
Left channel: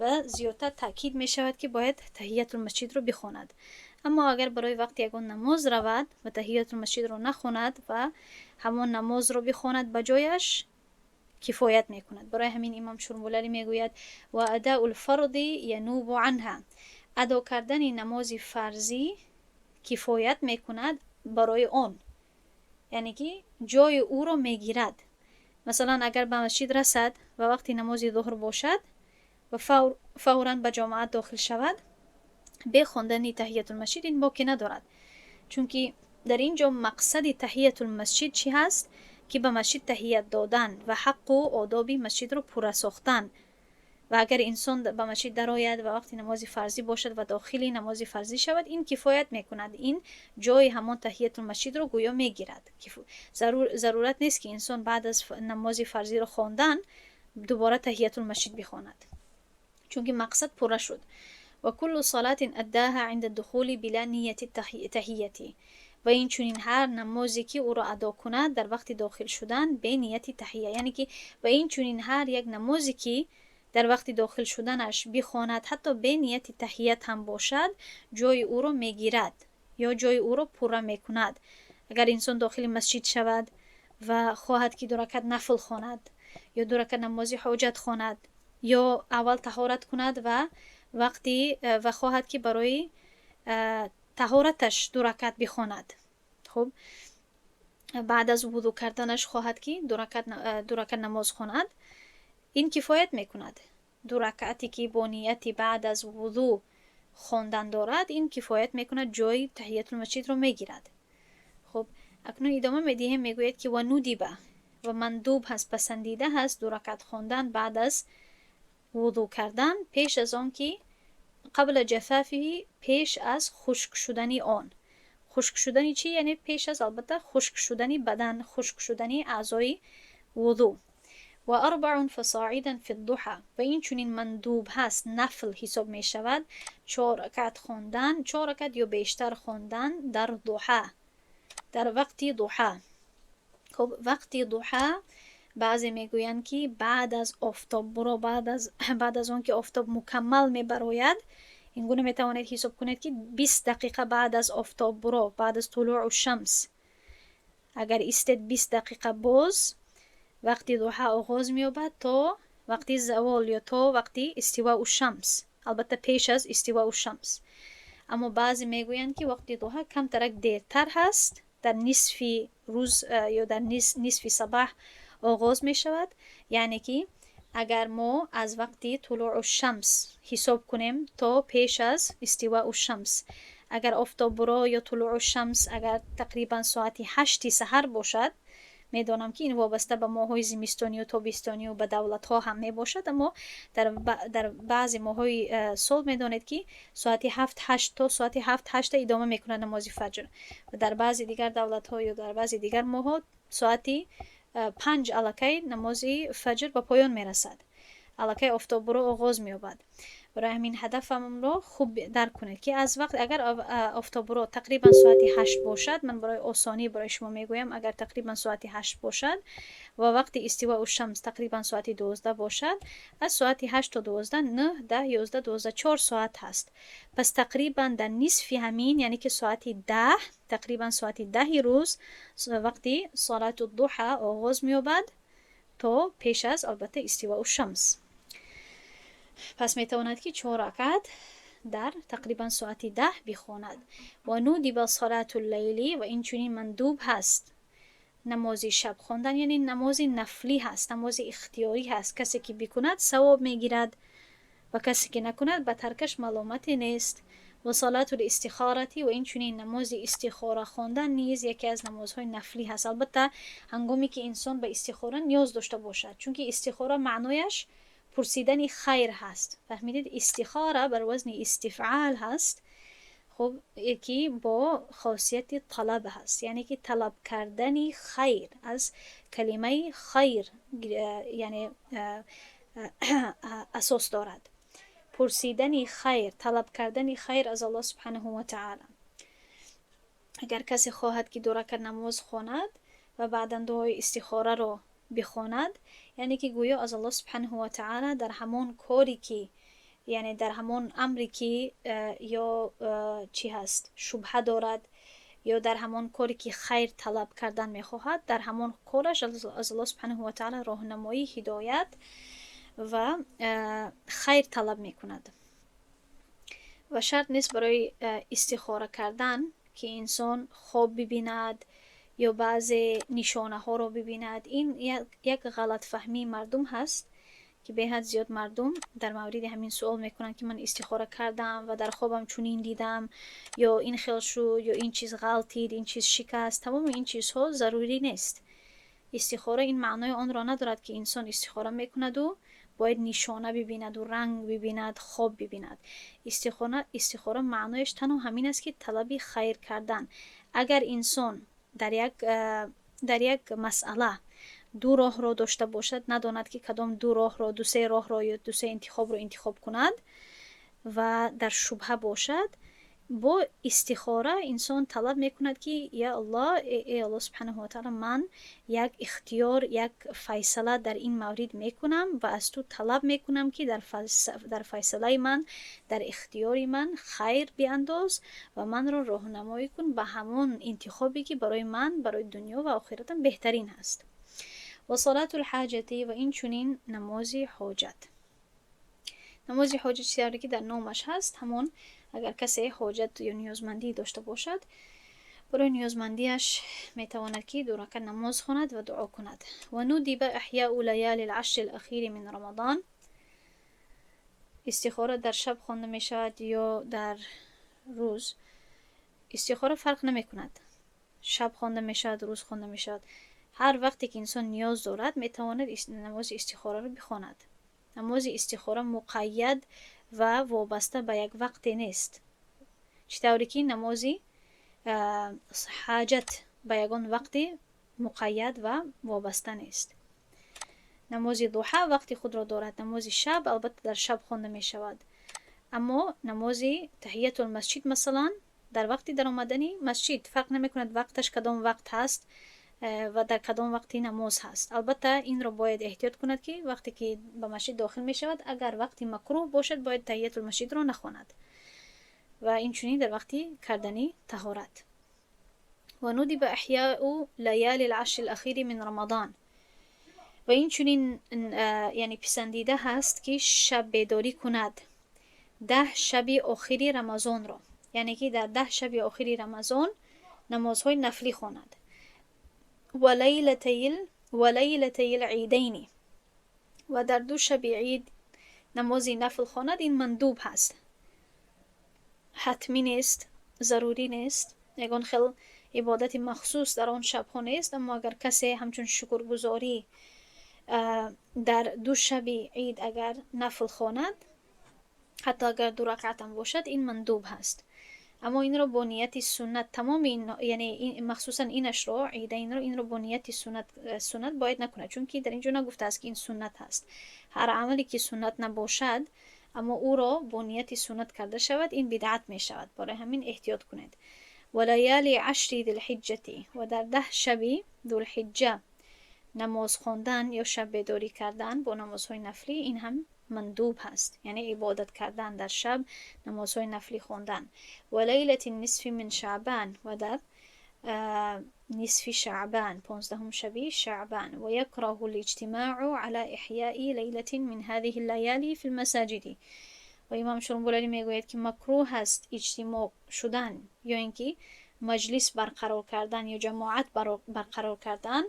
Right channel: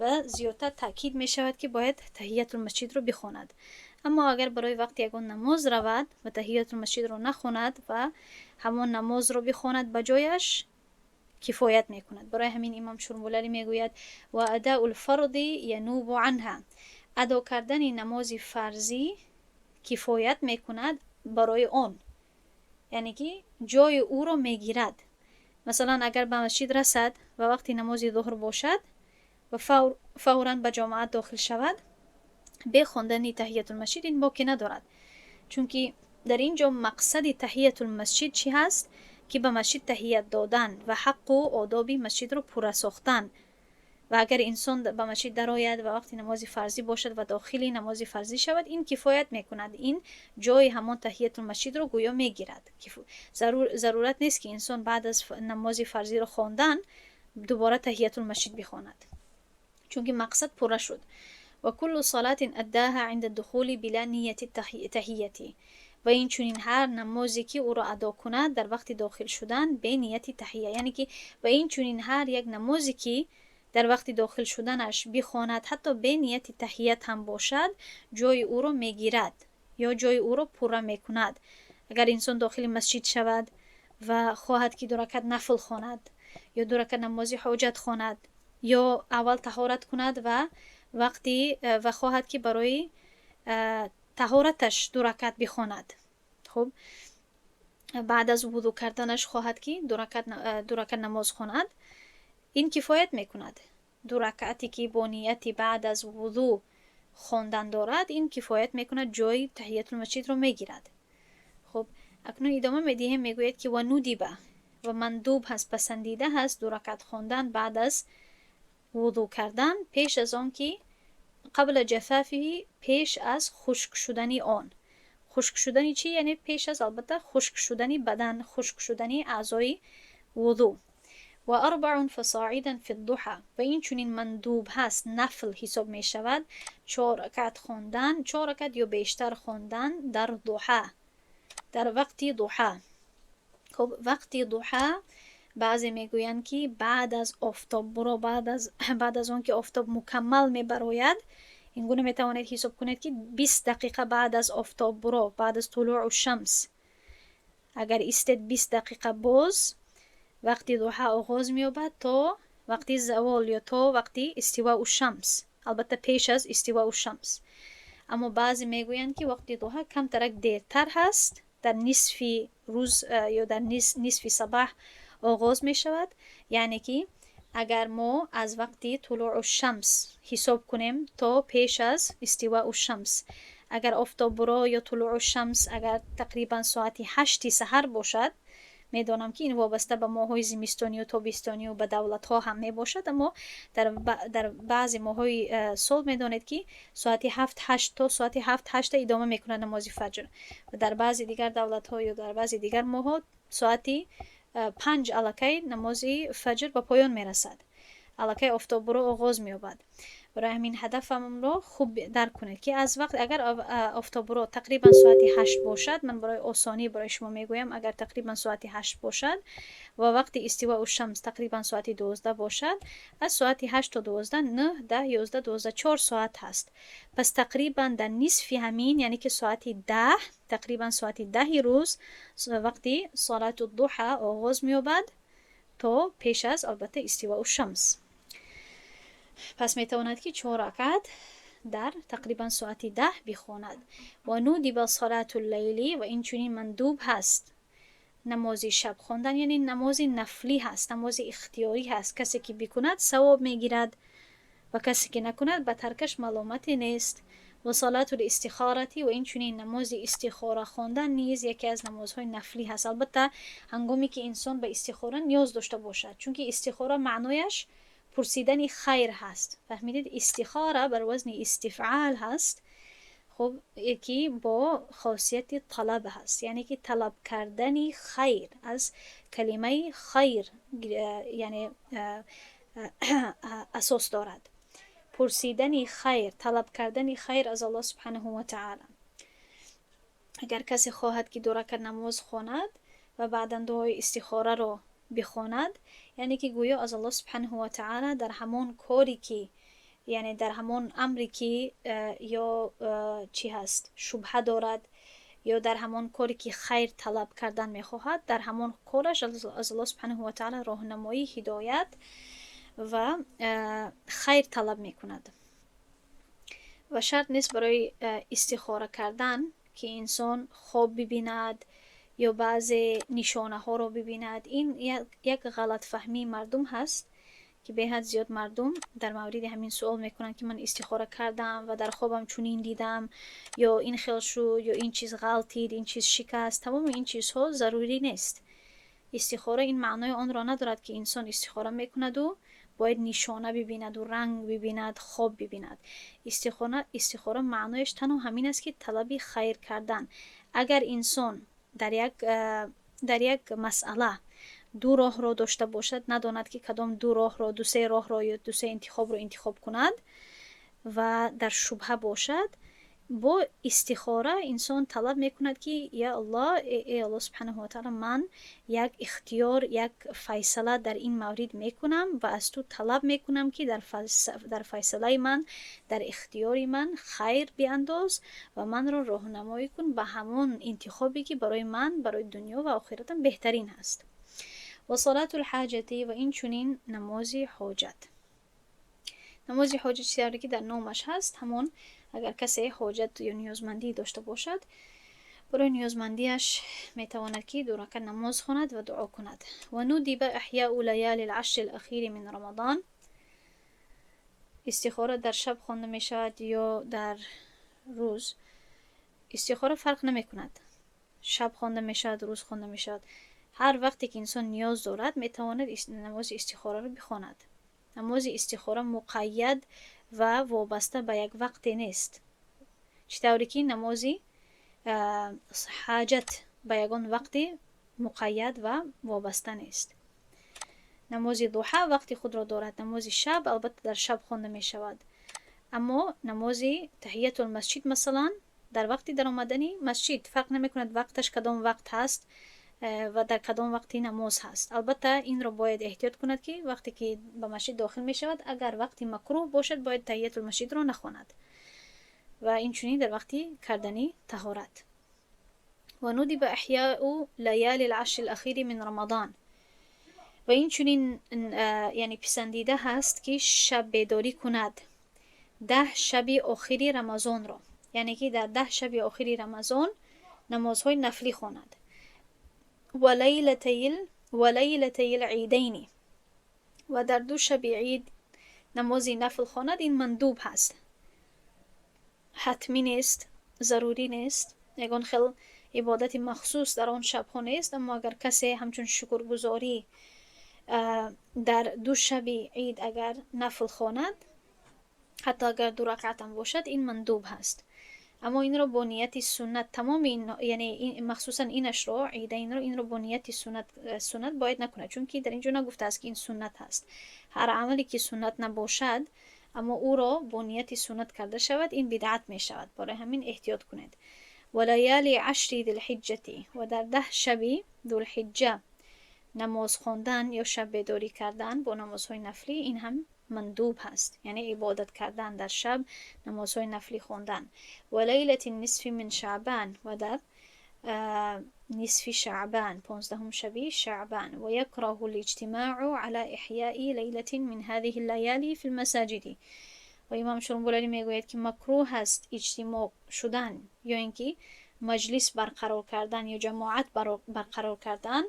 و زیادتر تاکید می شود که باید تحییت المسجد رو بخواند. اما اگر برای وقت یگان نماز رود و تحییت المسجد رو نخواند و همان نماز رو بخواند، بجایش کفایت میکند. برای همین امام شرمولری میگوید و اداء الفرض ینوب عنها، ادا کردن نماز فرضی کفایت میکند برای آن، یعنی که جای او رو میگیرد. مثلا اگر به مسجد رسد و وقتی نماز ظهر باشد و فوراً به جماعت داخل شود، به خواندن تحییت المسجد این باکی ندارد، چون که در اینجا مقصد تحییت المسجد چی هست؟ که به مسجد تحییت دادن و حق و آداب مسجد رو پورا ساختن. و اگر انسان به مسجد درآید و وقتی نماز فرضی باشد و داخل نماز فرضی شود، این کفایت میکند، این جای همان تحییت المسجد رو گویا میگیرد. ضرورت نیست که انسان بعد از نماز فرضی رو خواندن دوباره تحییت المسجد بخواند، چون که مقصد پورا شد. و کل صلاة اداها عند الدخول بلا نیت تحییتی، و این چنین هر نمازی که او را ادا کند در وقت داخل شدن به نیت تحییه، یعنی که و این چنین هر یک نمازی که در وقت داخل شدنش بخواند حتی به نیت تحییت هم باشد، جای او را میگیرد یا جای او را پورا میکند. اگر انسان داخل مسجد شود و خواهد که 2 رکعت نفل خواند یا 2 رکعت نماز حاجت خواند یا اول طهارت کند و وقتی و خواهد که برای طهارتش 2 رکعت بخواند، خب بعد از وضو کردنش خواهد که 2 رکعت نماز خواند، این کفایت میکند. 2 رکعتی که با نیتی بعد از وضو خواندن دارد این کفایت میکند جای تحیت المسجد رو میگیرد. خب اکنون ادامه میدهیم، میگوید که و ندیبه و مندوب هست، پسندیده هست 2 رکعت خواندن بعد از وضو کردن، پیش از آن که قبل جفافی، پیش از خشک شدنی آن. خشک شدنی چی؟ یعنی پیش از البته خشک شدنی بدن، خشک شدنی اعضای وضو. و 4 فصاعدا فی الضحى و این چونین مندوب هست، نفل حساب می شود 4 رکعت خواندن، 4 رکعت یا بیشتر خواندن در ضحى، در وقتی ضحى. خب وقتی ضحى بعضی میگویند که بعد از آفتاب برو، بعد از اون که آفتاب مکمل میبراید، این گونه میتوانید حساب کنید که 20 دقیقه بعد از آفتاب برو، بعد از طلوع الشمس اگر ایستید 20 دقیقه باز وقتی ضحى آغاز می‌یابد تا وقتی زوال یا تا وقتی استواء الشمس، البته پیش از استواء الشمس. اما بعضی میگویند که وقتی ضحى کم ترک دیرتر هست، در نصف روز یا در نصف صباح آغاز می شود. یعنی که اگر ما از وقتی طلوع الشمس حساب کنیم تا پیش از استواء الشمس، اگر آفتاب برو یا طلوع الشمس اگر تقریبا ساعت 8 سحر باشد، میدانم که این وابسته به ماه‌های زمستانی و تابستانی و به دولت‌ها هم میباشد، اما در بعضی ماه‌های سال میدانید که ساعت 7-8 تا ساعت 7-8 ادامه میکنه نماز فجر، و در بعضی دیگر دولت‌ها یا در بعضی دیگر ماه‌ها ساعت 5 الکی نماز فجر به پایان میرسد، الکی آفتاب برو آغاز می‌یابد. برای همین هدفم رو خوب درک کنید که از وقت اگر آفتاب برو تقریبا ساعت 8 باشد، من برای آسانی برای شما میگویم اگر تقریبا ساعت 8 باشد و وقتی استواء الشمس تقریبا ساعت 12 باشد، از ساعت 8 تا 12 9 10 11 12 4 ساعت هست. پس تقریبا در نصف همین، یعنی که ساعت 10 تقریبا ساعت 10 روز وقتی صلات الضحى آغاز می‌یابد تا پیش از البته استواء الشمس. پس میتواند که 4 رکعت در تقریبا ساعت 10 بخواند. و ندب صلاة اللیلی و این چنین مندوب هست نماز شب خواندن، یعنی نماز نفلی هست، نماز اختیاری هست. کسی که بکند ثواب میگیرد و کسی که نکند به ترکش ملامتی نیست. و صلاة الاستخارتی و این چنین نماز استخاره خواندن نیز یکی از نمازهای نفلی هست. البته هنگامی که انسان به استخاره نیاز داشته باشد، چون که استخاره معنایش پرسیدن خیر هست. فهمیدید؟ استخاره بر وزن استفعال هست. خب یکی با خاصیت طلب هست، یعنی که طلب کردن خیر، از کلمه خیر یعنی اساس دارد. پرسیدن خیر، طلب کردن خیر از الله سبحانه و تعالی. اگر کسی خواهد که 2 رکعت نماز خواند و بعدا دعای استخاره رو بخواند، یعنی که گویا از الله سبحانه و تعالی در همون کاری که یعنی در همون امری که یا چی هست شبهه دارد یا در همون کاری که خیر طلب کردن میخواهد، در همون کارش از الله سبحانه و تعالی راهنمایی، هدایت و خیر طلب میکند. و شرط نیست برای استخاره کردن که انسان خواب ببیند یا بعضی نشانه ها رو ببیند. این یک غلط فهمی مردم هست که به حد زیاد مردم در مورد همین سوال میکنن که من استخاره کردم و در خوابم چنین دیدم یا این خاص داشته باشد، بداند که کدام دو راه را دو سه راه را دو سه انتخاب را انتخاب کند و در شبهه باشد، با استخاره انسان طلب میکند که یا الله، ای الله سبحانه و تعالی، من یک اختیار، یک فیصله در این مورد میکنم و از تو طلب میکنم که در فیصله من، در اختیار من خیر بیانداز و من را راهنمایی کن به همان انتخابی که برای من برای دنیا و آخرتم بهترین هست. و صلاة الحاجتی و این چنین نماز حاجت. نماز حاجت زیادتی در نامش هست، همون اگر کسی حاجت یا نیازمندی داشته باشد، برای نیازمندی از میتوانیتی برای استفاده شب خواهی میشه در استخاره فرق نمیکند شب خوانده میشود روز خوانده میشود. هر وقتی که انسان نیاز دارد میتواند نماز استخاره رو بخواند. نماز استخاره مقید و وابسته به یک وقتی نیست، چطوری که نمازی حاجت به یگان وقتی مقید و وابسته نیست. نماز ضحا وقتی خود را دارد. نماز شب البته در شب خوانده می شود، اما نماز تحیت المسجد مثلا در وقتی در آمدنی مسجد فرق نمی کند وقتش کدام وقت هست و در کدام وقتی نماز هست. البته این را باید احتیاط کند که وقتی که با مسجد داخل می شود اگر وقتی مکروه باشد باید تحیت المسجد را نخواند و این چنین در وقتی کردنی طهارت. و ندب احیاء لیالی العشر الاخیر من رمضان، و این چنین یعنی پسندیده هست که شب بیداری کند 10 شب آخری رمضان را، یعنی که در 10 شب آخری رمضان نمازهای نفلی خواند. و لیلتی العیدین، و در 2 شب عید نمازی نفل خواند. این مندوب هست، حتمی نیست، ضروری نیست، یگان خیل عبادت مخصوص در آن شب ها نیست. اما اگر کسی همچون شکرگزاری در 2 شب عید اگر نفل خواند، حتی اگر 2 رکعت هم باشد، این مندوب هست. اما این را با نیت سنت تمام این یعنی مخصوصا اینش را عیدین را این را با نیت سنت باید نکنه، چون که در اینجا نگفته است که این سنت هست. هر عملی که سنت نباشد اما او را با نیت سنت کرده شود این بدعت می شود. برای همین احتیاط کنید. و لیالی 10 ذی الحجه، و در 10 شب ذوالحجه نماز خواندن یا شب بیداری کردن با نمازهای نفلی این هم مندوب هست، یعنی عبادت کردن در شب، نمازهای نفلی خواندن. و لیلة النصف من شعبان، و در نصف شعبان 15 شب شعبان. و یکره الاجتماع على احیاء لیلة من هذه الليالي في المساجد، و امام شرنبولانی میگوید که مکروه است اجتماع شدن یا اینکه مجلس برقرار کردن یا جماعت برقرار کردن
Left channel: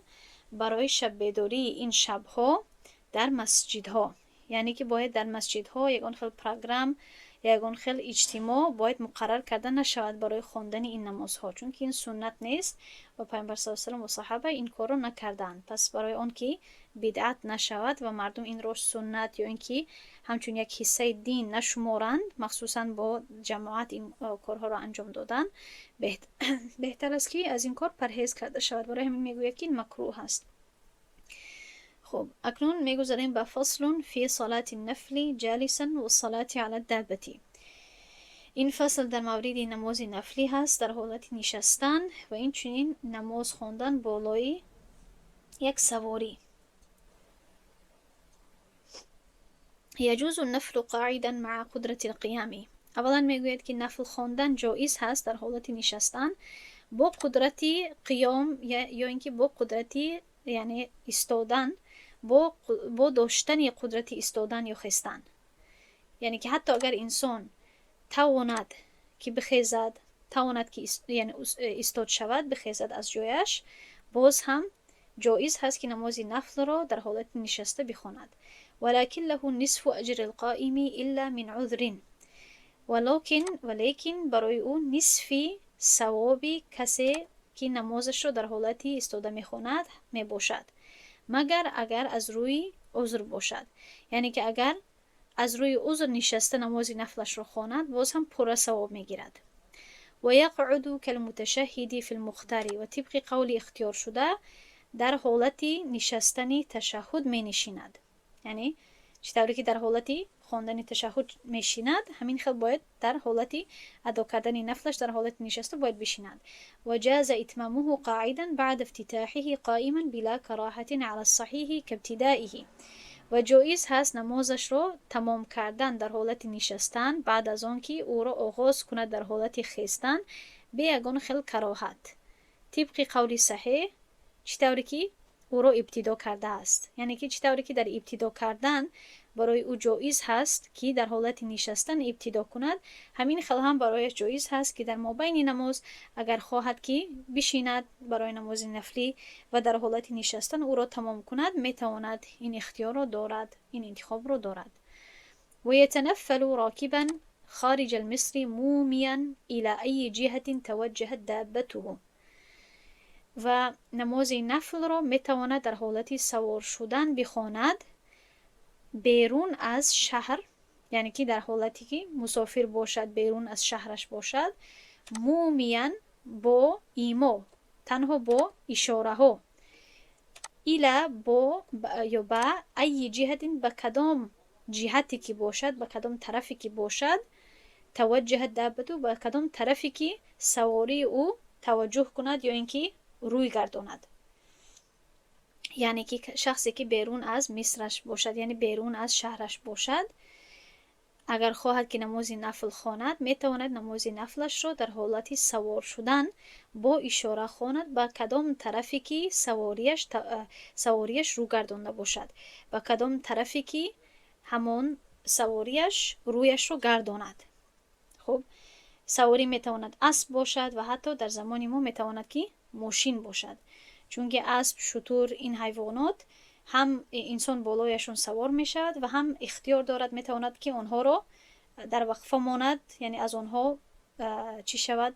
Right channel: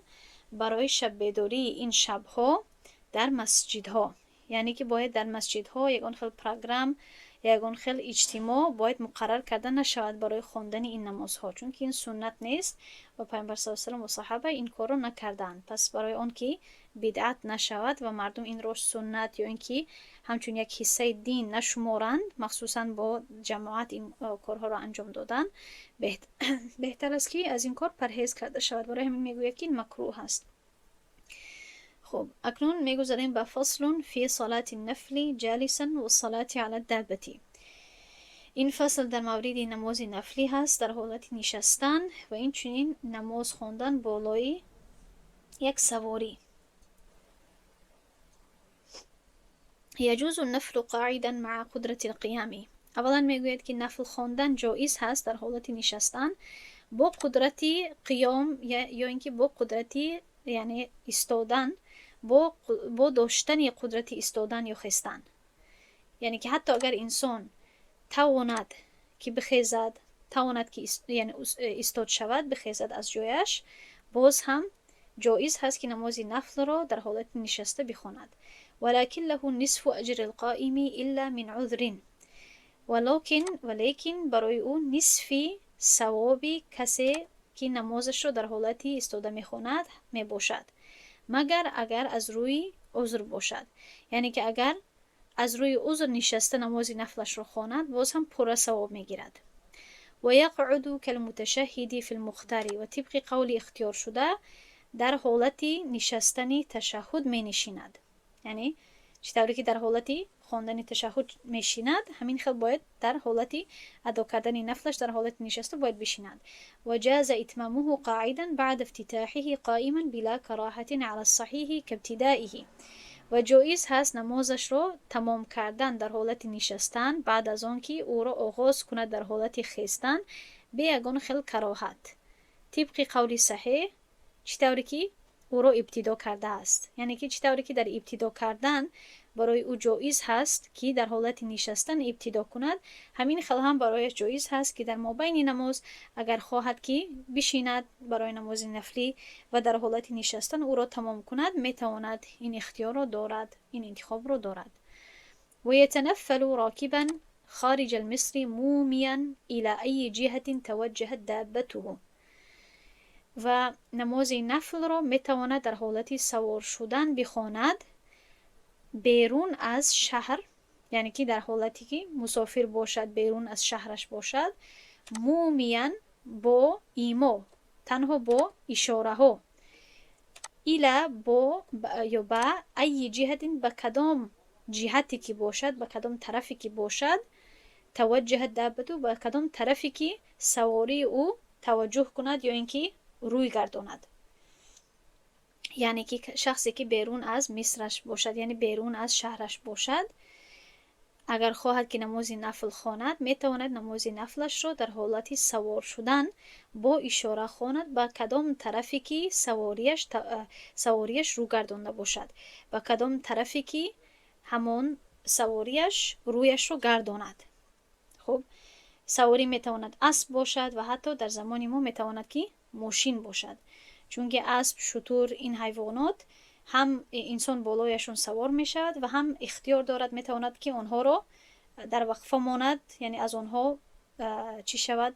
برای شب بیداری این شبها در مسجدها، یعنی که باید در مسجدها یگان خیل پروگرام یگان خیل اجتماع باید مقرر کردن نشود برای خواندن این نمازها، چون که این سنت نیست و پیامبر صلی الله علیه و آله و صحابه این کارو نکردند. پس برای آن که بدعت نشود و مردم این رو سنت یا اینکه همچون یک حصه دین نشمارند، مخصوصا با جماعت این کارها را انجام دادن، بهتر است که از این کار پرهیز کرده شود. برای همین میگوید که این مکروه است. خب اکنون میگذاریم به فصل فی صلات النفل جالسا و صلات علی الدابه. این فصل در مورد نماز نفلی هست در حالت نشستن و این چنین نماز خواندن بالای یک سواری. یجوز النفل قاعدا مع قدرت القیام. اولا میگوید که نفل خواندن جایز هست در حالت نشستن با قدرت قیام یا اینکه با قدرت یعنی ایستادن، با داشتن قدرت ایستادن یا خستن. یعنی که حتی اگر انسان تواند که بخیزد، تواند که یعنی ایستاد شود، بخیزد از جایش، باز هم جایز هست که نماز نفل را در حالت نشسته بخواند. ولكن له نصف اجر القائم الا من عذر. ولیکن برای او نصفی ثواب کسی که نمازش را در حالت ایستاده میخواند میباشد، مگر اگر از روی عذر باشد. یعنی که اگر از روی عذر نشسته نماز نفلش را خواند باز هم پر ثواب میگیرد. و یقعد کالمتشهد فی المختار، و طبق قول اختیار شده در حالت نشستن تشهد می نشیند. یعنی چطوری که در حالت خواندن تشهد میشیند همین خیل باید در حالت ادا کردن نفلش در حالت نشسته باید بشیند. و جاز اتمامه قاعدا بعد افتتاحه قائما بلا کراهه علی الصحیح کابتدائه. و جایز هست نمازش را تمام کردن در حالت نشستن بعد از آن که او را آغاز کند در حالت خیستن به یگان خیل کراهت، طبق قول صحیح چطوری که او را ابتدا کرده است. یعنی که چطوری که در ابتدا کردن برای او جایز هست که در حالت نشستن ابتدا کند، همین خیل هم برای جایز هست که در مابین نماز اگر خواهد که بشیند برای نماز نفلی و در حالت نشستن او را تمام کند، میتواند این اختیار را دارد، این انتخاب را دارد. و یتنفل راکبا خارج المصر موميا إلى أي جهة توجهت دابته. و نماز نفل را میتواند در حالت سوار شدن بخواند بیرون از شهر، یعنی که در حالتی که مسافر باشد بیرون از شهرش باشد، مومیان با ایما، تنها با اشاره ها، ایلا با یا با ای جهت، به کدام جهتی که باشد، به کدام طرفی که باشد، توجه دابتو، به کدام طرفی که سواری او توجه کند یا اینکه روی گرداند. یعنی که شخصی که بیرون از مصرش باشد، یعنی بیرون از شهرش باشد، اگر خواهد که نماز نفل خواند، میتواند نماز نفلش را در حالت سوار شدن با اشاره خواند به کدام طرفی که سواریش رو گردانده باشد، به کدام طرفی که همون سواریش رویش رو گرداند. خب سواری میتواند اسب باشد و حتی در زمان ما میتواند که ماشین باشد، چون که اسب، شتر، این حیوانات هم انسان بالایشون سوار می شود و هم اختیار دارد میتواند که آنها را در وقفه ماند، یعنی از آنها چی شود،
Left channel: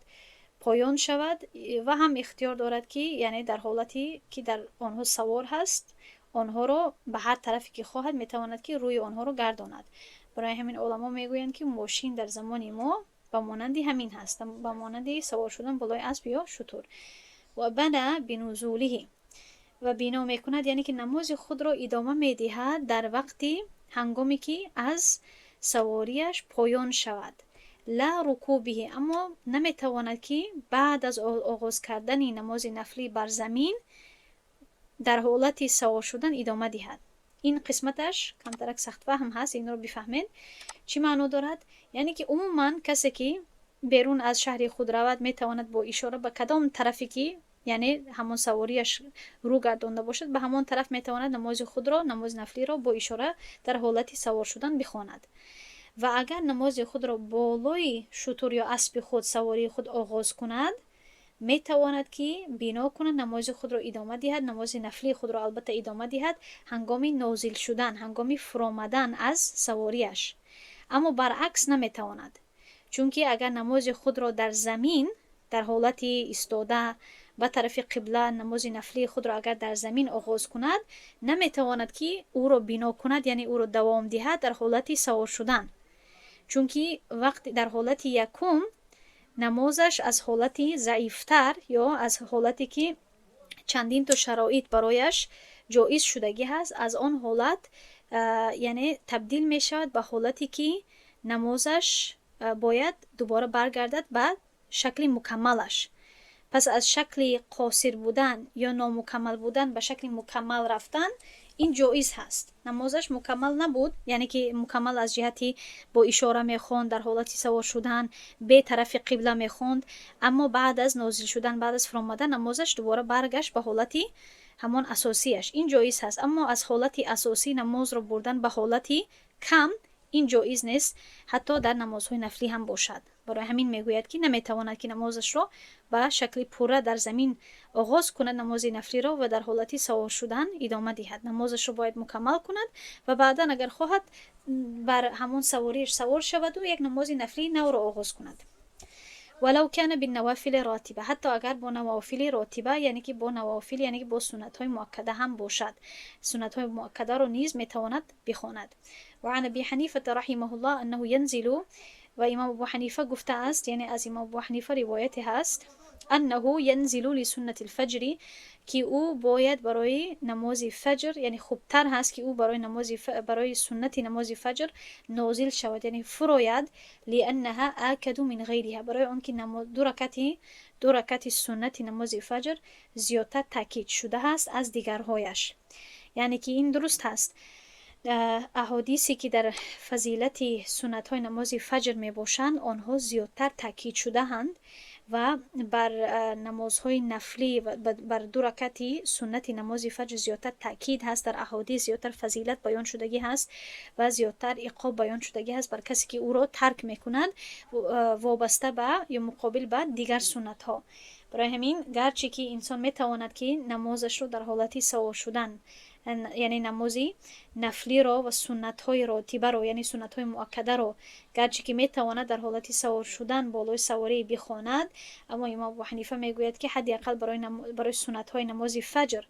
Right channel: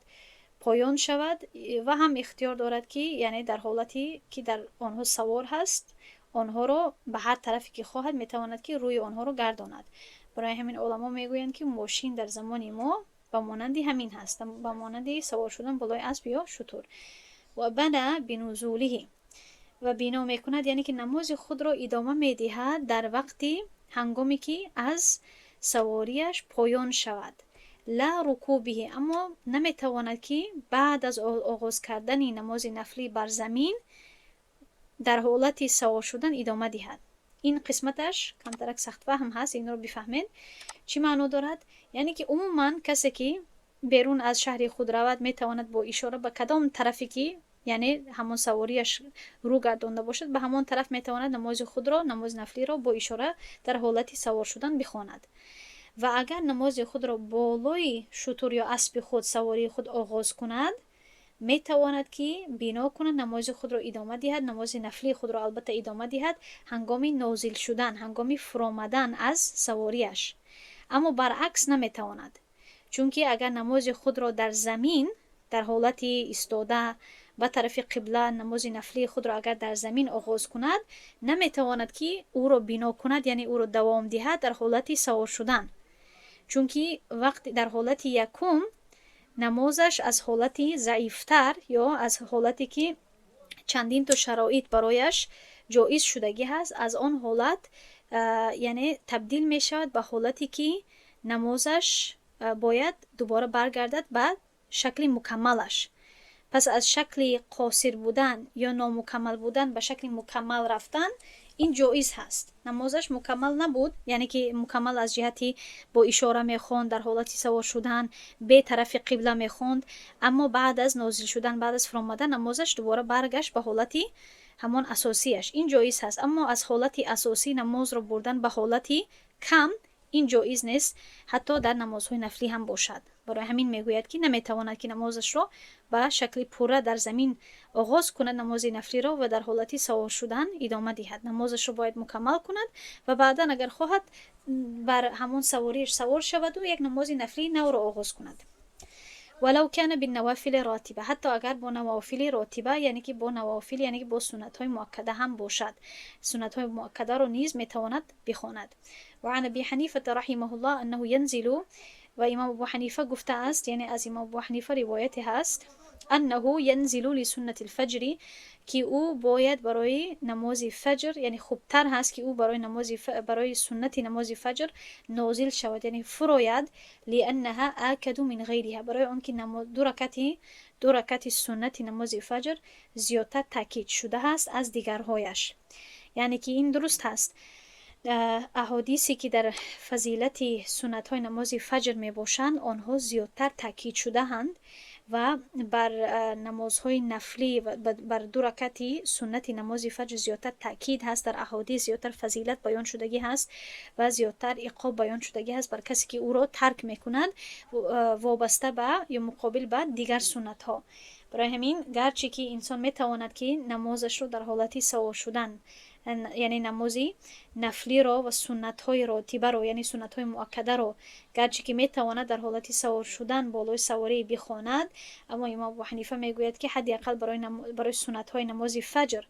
پایان شود، و هم اختیار دارد که یعنی در حالتی که در آنها سوار هست آنها را به هر طرفی که خواهد میتواند که روی آنها را گرداند. برای همین علما میگویند که ماشین در زمان ما به مانندی همین هست، به مانندی سوار شدن بالای اسب یا شتر. و بنا بنزوله، و بنا میکند یعنی که نماز خود را ادامه میدهد در وقتی هنگامی که از سواریش پایان شود، لا رکوبه، اما نمیتواند که بعد از آغاز کردن نماز نفلی بر زمین در حالت سوار شدن ادامه دهد. این قسمتش کمترک سخت فهم هست، این رو بفهمین چی معنی دارد. یعنی که عموما کسی که بیرون از شهر خود رود میتواند با اشاره به کدام طرفی که یعنی همون سواریش رو گردانده باشد به همون طرف میتواند نماز خود را، نماز نفلی را با اشاره در حالت سوار شدن بخواند. و اگر نماز خود را بالای شتر یا اسب خود، سواری خود آغاز کند، میتواند که بنا کند نماز خود را ادامه دهد، نماز نفلی خود را البته ادامه دهد هنگامی نازل شدن، هنگامی فرامدن از سواریش. اما برعکس نمیتواند، چون که اگر نماز خود را در زمین در حالت ایستاده به طرف قبله نماز نفلی خود را اگر در زمین آغاز کند، نمیتواند که او را بنا کند، یعنی او را دوام دهد در حالت سوار شدن، چون که وقت در حالت یکم نمازش از حالتی ضعیفتر یا از حالتی که چندین تا شرایط برایش جایز شدگی هست، از آن حالت یعنی تبدیل می شود به حالتی که نمازش باید دوباره برگردد به شکل مکملش. پس از شکل قاصر بودن یا نامکمل بودن به شکل مکمل رفتن این جایز هست. نمازش مکمل نبود، یعنی که مکمل از جهتی با اشاره میخوند در حالتی سوار شدن به طرف قبله میخوند، اما بعد از نازل شدن، بعد از فرامدن نمازش دوباره برگشت به حالتی همان اساسیش، این جایز هست. اما از حالتی اساسی نماز رو بردن به حالتی کم این جایز نیست، حتی در نمازهای نفلی هم باشد. برای همین میگوید که نمیتواند که نمازش را به شکل پوره در زمین آغاز کند نماز نفلی را و در حالتی سوار شدن ادامه دهد. نمازش را باید مکمل کند و بعدا اگر خواهد بر همون سواریش سوار شود و یک نماز نفلی نو را آغاز کند. ولو کان بالنوافل راتبه، حتی اگر با نوافل راتبه، یعنی که با نوافل یعنی که با سنت های مؤکده هم باشد، سنت های مؤکده را نیز میتواند بخواند. و عن ابی حنیفه رحمه الله انه ينزل، و امام ابو حنیفه گفته است، یعنی از امام ابو حنیفه روایت هست، انه ينزل لسنة الفجر، که او باید برای نماز فجر، یعنی خوبتر هست که او برای سنت نماز فجر نازل شود، یعنی فراید، لانها آکد من غیرها، برای آنکه دو رکعت سنت نماز فجر زیادتر تاکید شده هست از دیگرهایش. یعنی که این درست هست، احادیثی که در فضیلت سنت های نماز فجر می باشند آنها زیادتر تاکید شده هند و بر نمازهای نفلی و بر دو رکعت سنت نماز فجر زیادتر تاکید هست، در احادیث زیادتر فضیلت بیان شدگی هست و زیادتر عقاب بیان شدگی هست بر کسی که او را ترک میکند وابسته به یا مقابل به دیگر سنت ها. برای همین گرچه که انسان میتواند که نمازش رو در حالتی سوار شدن یعنی نمازی نفلی رو و سنت های راتبه رو، یعنی سنت های مؤکده رو گرچه که میتواند در حالت سوار شدن بالای سواری بخواند، اما امام ابو حنیفه میگوید که حداقل برای سنت های نماز فجر،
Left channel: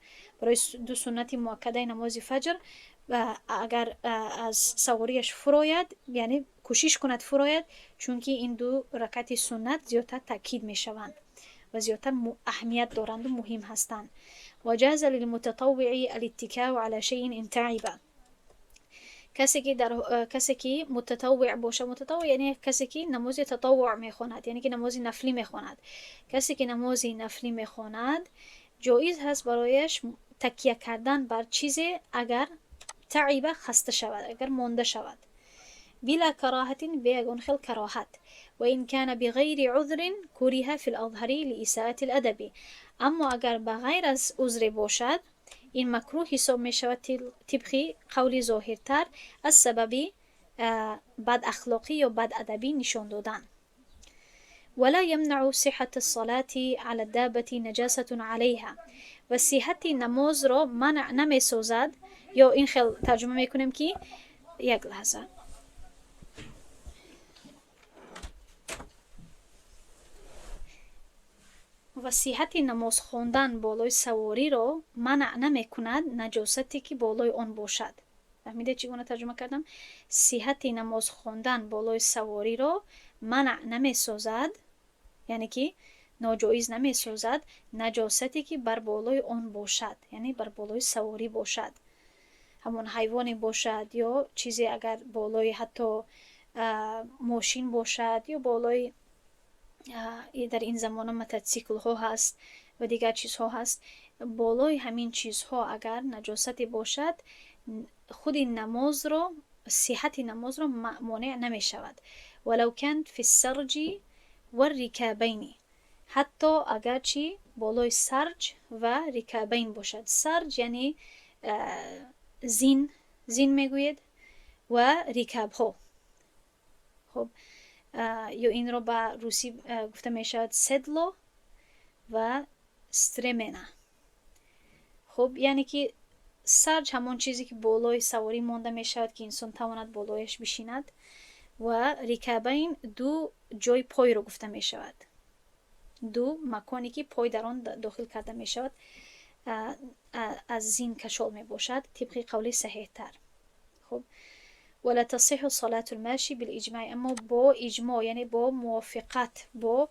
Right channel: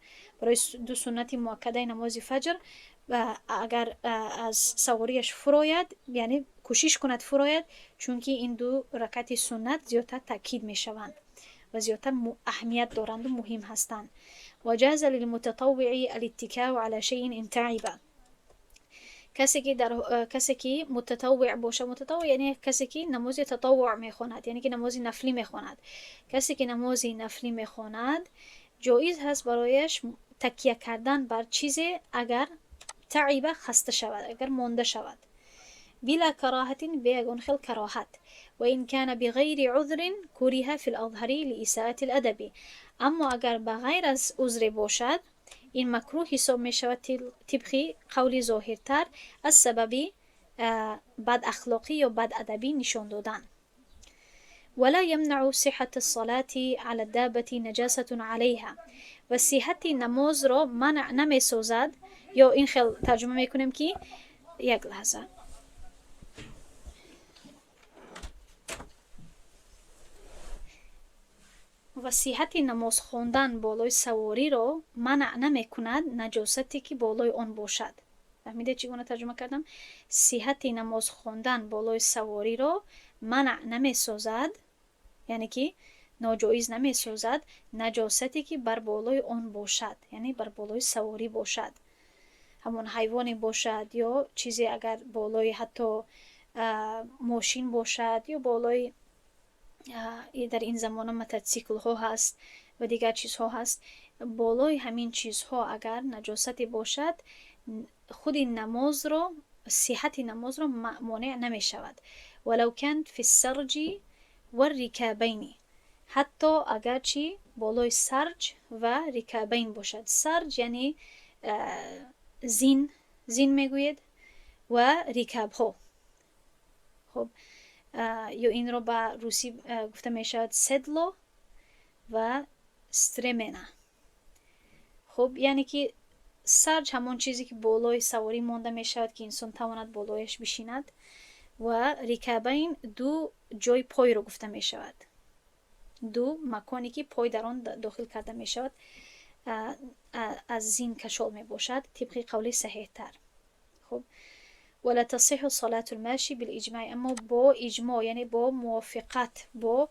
برای دو سنت مؤکده نماز فجر، و اگر از سواریش فراید یعنی کوشش کند فراید، چون که این دو رکعت سنت زیادتر تاکید میشوند و زیادتر اهمیت دارند و مهم هستند. و جاز للمتطوع الاتکاء على شيء ان تعب. کسی که متطوع باشه، متطوع یعنی کسی که نماز تطوع میخواند، یعنی که نماز نفلی میخواند. کسی که نماز نفلی میخواند جایز هست برایش تکیه کردن بر چیزی اگر تعب خسته شود، اگر مانده شود، بلا کراهت، بیگون خیل کراهت. و این کان بغیر عذر کره فی الاظهر لاساءة الادب. اما اگر بغیر از عذر باشد این مکروه حساب می شود طبق قول ظاهرتر از سبب بد اخلاقی یا بد ادبی نشان دادن. ولا يمنع صحة الصلاة على الدابة نجاسة عليها. و صحت نماز را منع نمی سازد، یا این خیل ترجمه می کنیم که یک لحظه، و صحت نماز خواندن بالای سواری را منع نمی کند نجاستی که بالای آن باشد. فهمیده چگونه ترجمه کردم؟ صحت نماز خواندن بالای سواری را منع نمی سازد، یعنی که ناجایز نمی سازد نجاستی که بر بالای آن باشد، یعنی بر بالای سواری باشد، همون حیوانی باشد یا چیزی اگر بالای حتی ماشین باشد یا بالای در این زمان موتورسیکل ها هست و دیگر چیزها هست، بالای همین چیزها اگر نجاستی باشد خود نماز را، صحت نماز را مانع نمی شود. ولو کان فی السرج و الرکابین، حتی اگر چی بالای سرج و رکابین باشد. سرج یعنی زین میگوید و رکاب ها. خب یا این رو به روسی گفته می شود سدلو و سترمنا. خب یعنی که سرج همون چیزی که بالای سواری مانده می شود که انسان تواند بالایش بشیند، و رکابین دو جای پای رو گفته می شود، دو مکانی که پای در آن داخل کرده می شود از زین کشال می باشد طبق قول صحیح تر. خب ولا تصح صلاة الماشي بالاجماع، اما با اجماع یعنی با موافقت، با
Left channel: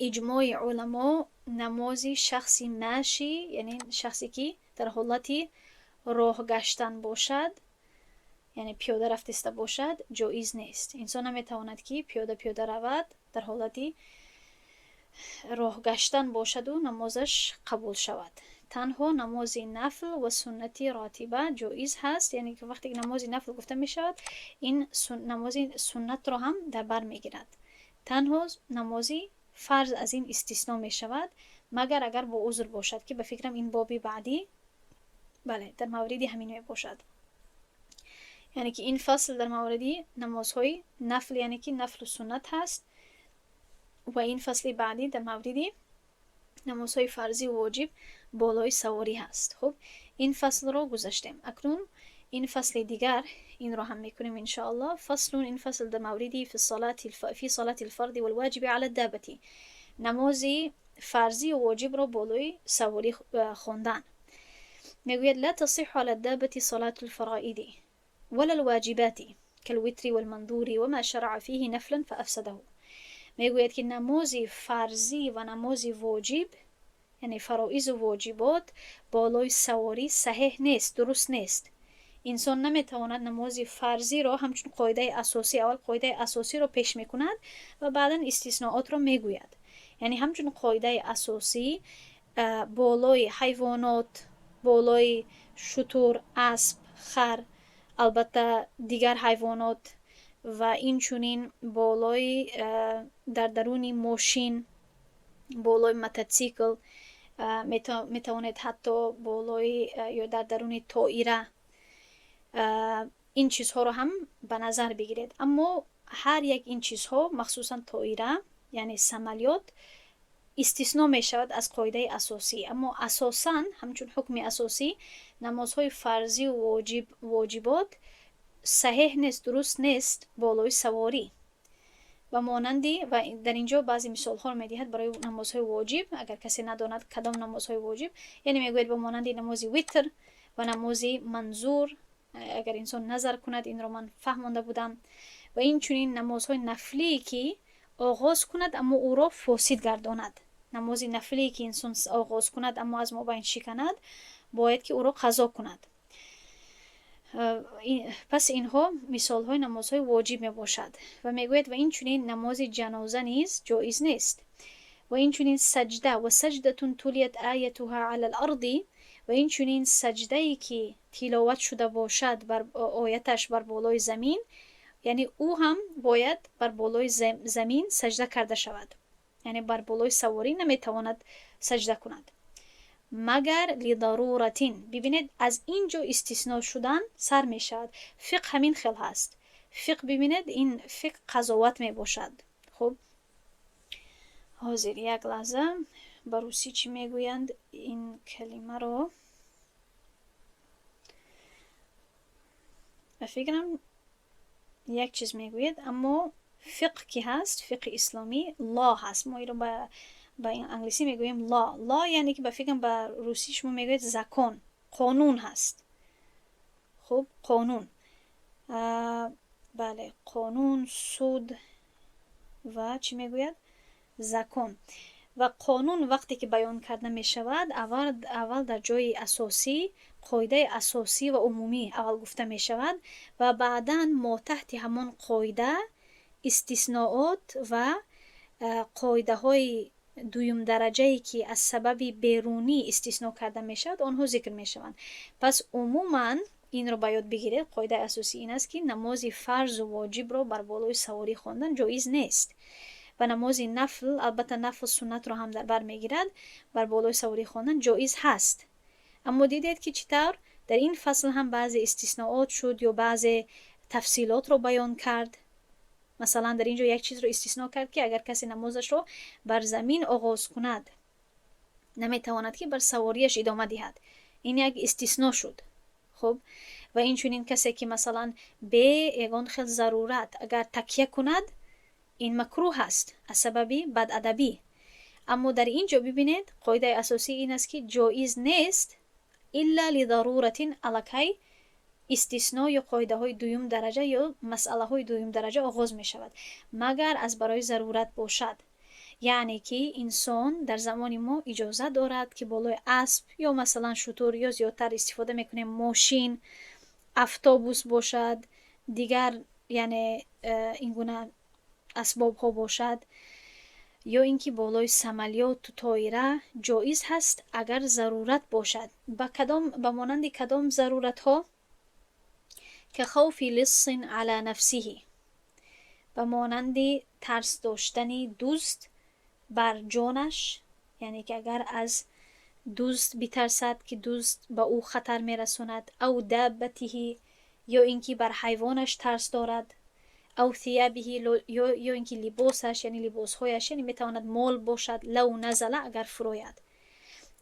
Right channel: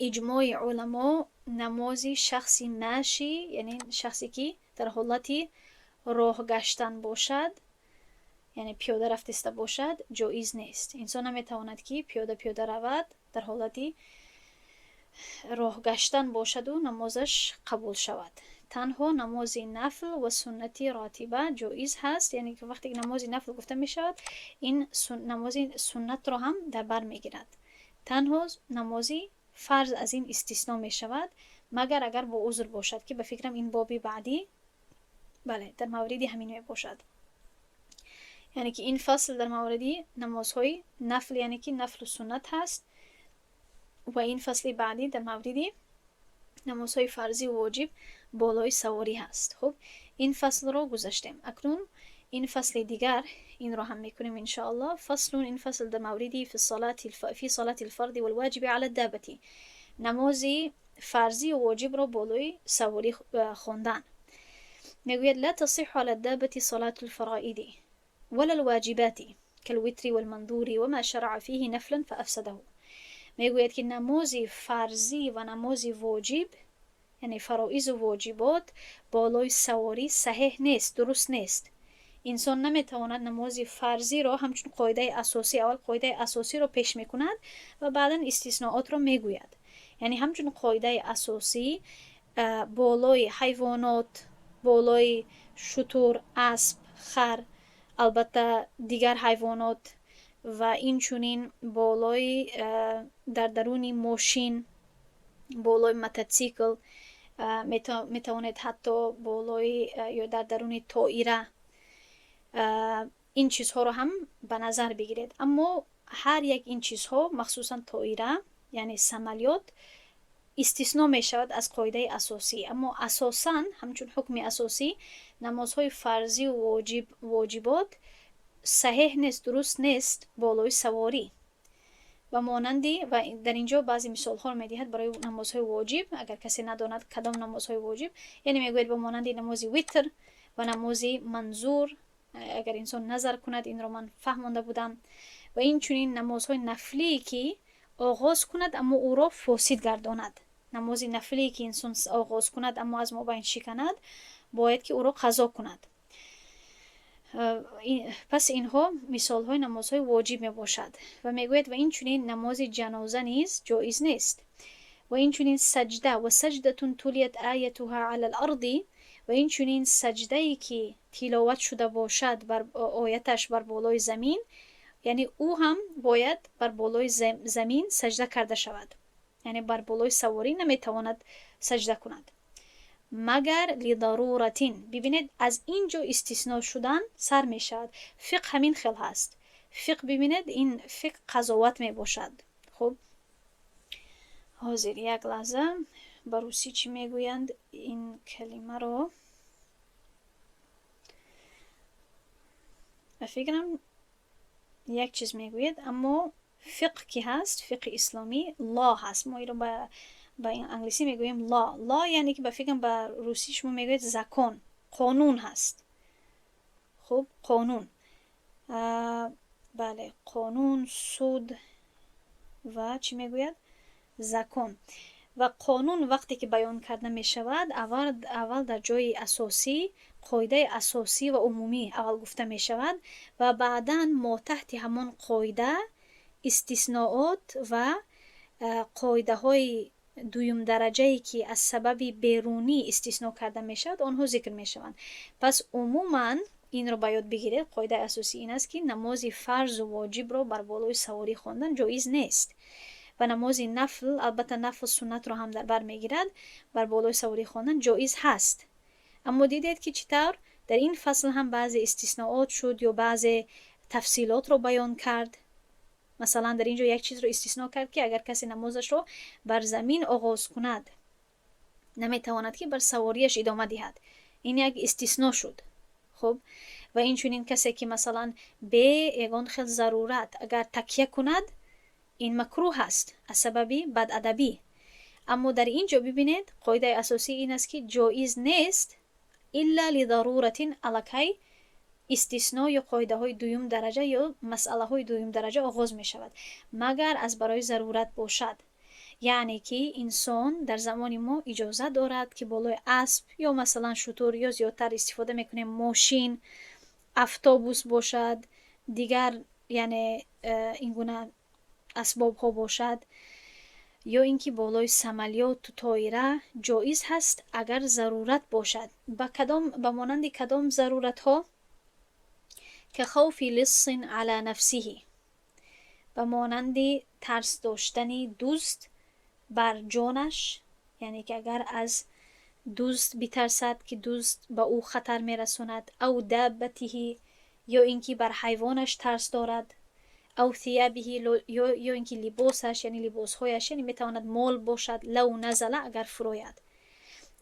اجماع علما نماز شخصی ماشی یعنی شخصی که در حالتی راه گشتن باشد، یعنی پیاده رفتسته باشد، جایز نیست. انسان نمیتواند که پیاده رود در حالتی راه گشتن باشد و نمازش قبول شود. تنها نماز نفل و سنتی راتبه جایز هست، یعنی که وقتی نماز نفل گفته می شود این نماز سنت را هم در بر می گیرد. تنها نمازی فرض از این استثناء می شود مگر اگر با عذر باشد، که به فکرم این بابی بعدی بله در موردی همین می باشد. یعنی که این فصل در موردی نمازهای نفل یعنی که نفل و سنت هست، و این فصل بعدی در موردی نمازهای فرضی و واجب بالای سواری هست. خب این فصل رو گذاشتیم. اکنون این فصل دیگر این رو هم میکنیم ان شاء الله. فصل این فصل در موردی فی صلاة الفرد والواجب على الدابة، نماز فرضی و واجب رو بالای سواری خواندن. میگوید لا تصح على الدابة صلاة الفرائض ولا الواجبات كالوتر والمنظور وما شرع فيه نفلا فافسده. میگوید که نماز فرضی و نماز واجب یعنی فرائض و واجبات بالای سواری صحیح نیست، درست نیست. انسان نمیتواند نماز فرضی را همچون قاعده اساسی، اول قاعده اساسی را پیش میکند و بعدا استثناءات را میگوید. یعنی همچون قاعده اساسی بالای حیوانات، بالای شتر، اسب، خر، البته دیگر حیوانات و این چونین بالای در درون ماشین، بالای موتورسیکل، میتواند حتی بالای یا در درون طائره این چیزها رو هم به نظر بگیرید. اما هر یک این چیزها مخصوصا طائره یعنی سمالیات استثناء می شود از قاعده اساسی. اما اساساً همچون حکم اساسی نمازهای فرضی و واجبات صحیح نیست، درست نیست بالای سواری. و مانندی و در اینجا بعضی مثال ها رو میدهد برای نمازهای واجب. اگر کسی نداند کدام نمازهای واجب، یعنی میگوید به مانندی نماز ویتر و نماز منظور، اگر انسان نظر کند این رو من فهمانده بودم. و این چنین نمازهای نفلی که آغاز کند اما او را فاسد گرداند. نماز نفلی که انسان آغاز کند اما از مابین شکند، باید که او را قضا کند. پس اینها مثال های نمازهای واجب می باشد. و میگوید و این چنین نماز جنازه نیز جایز نیست. و این چنین سجده و سجدتون تولیت آیتها علی الارض، و این چنین سجده ای که تلاوت شده باشد بر آیتش بر بالای زمین، یعنی او هم باید بر بالای زمین سجده کرده شود. یعنی بر بالای سواری نمیتواند سجده کند مگر لضرورتین. ببینید از اینجا استثناء شدن سر می شود. فقه همین خیل هست. فقه ببینید این فقه قضاوت می باشد. خب حاضر یک لحظه به روسی چی می گویند این کلمه رو؟ فکرم یک چیز می گوید، اما فقه کی هست؟ فقه اسلامی لا هست. ما این رو با این انگلیسی میگوییم لا یعنی که به فکرم به روسی شما میگوید زکان، قانون هست. خب قانون، بله قانون، سود و چی میگوید زکان. و قانون وقتی که بیان کرده می شود اول در جای اساسی قاعده اساسی و عمومی اول گفته می شود و بعدا ما تحت همان قاعده استثناءات و قاعده های دویم درجه‌ای که از سبب بیرونی استثناء کرده می شود آنها ذکر می شوند. پس عموما این رو باید بگیرید. قاعده اساسی این است که نماز فرض و واجب رو بر بالای سواری خواندن جایز نیست و نماز نفل، البته نفل سنت رو هم در بر میگیرد، بر بالای سواری خواندن جایز هست. اما دیدید که چطور در این فصل هم بعضی استثناءات شد یا بعضی تفصیلات رو بیان کرد. مثلا در اینجا یک چیز رو استثناء کرد که اگر کسی نمازش رو بر زمین آغاز کند نمیتواند که بر سواریش ادامه دهد. این یک استثناء شد. خب و این چنین کسی که مثلا به یگان خیل ضرورت اگر تکیه کند این مکروه هست از سببی بدادبی. اما در اینجا ببینید قاعده اساسی این است که جایز نیست الا لضرورت الکی استثناء یا قاعده های دویم درجه یا مسئله های دویم درجه آغاز می شود مگر از برای ضرورت باشد. یعنی که انسان در زمان ما اجازه دارد که بالای اسب یا مثلا شتر یا زیادتر استفاده میکنیم ماشین، اتوبوس باشد، دیگر یعنی این گونه اسباب ها باشد، یا اینکه بالای سمالیات و طایره جایز هست اگر ضرورت باشد. به مانند کدام ضرورت ها؟ که خوف لص علی نفسه، به مانند ترس داشتنی دزد بر جانش، یعنی که اگر از دزد بترسد که دزد به او خطر میرساند، او دابته یا اینکه بر حیوانش ترس دارد، او ثیابه یا اینکه لباسش یعنی لباسهایش یعنی میتواند مال باشد، لو نزله اگر فروید.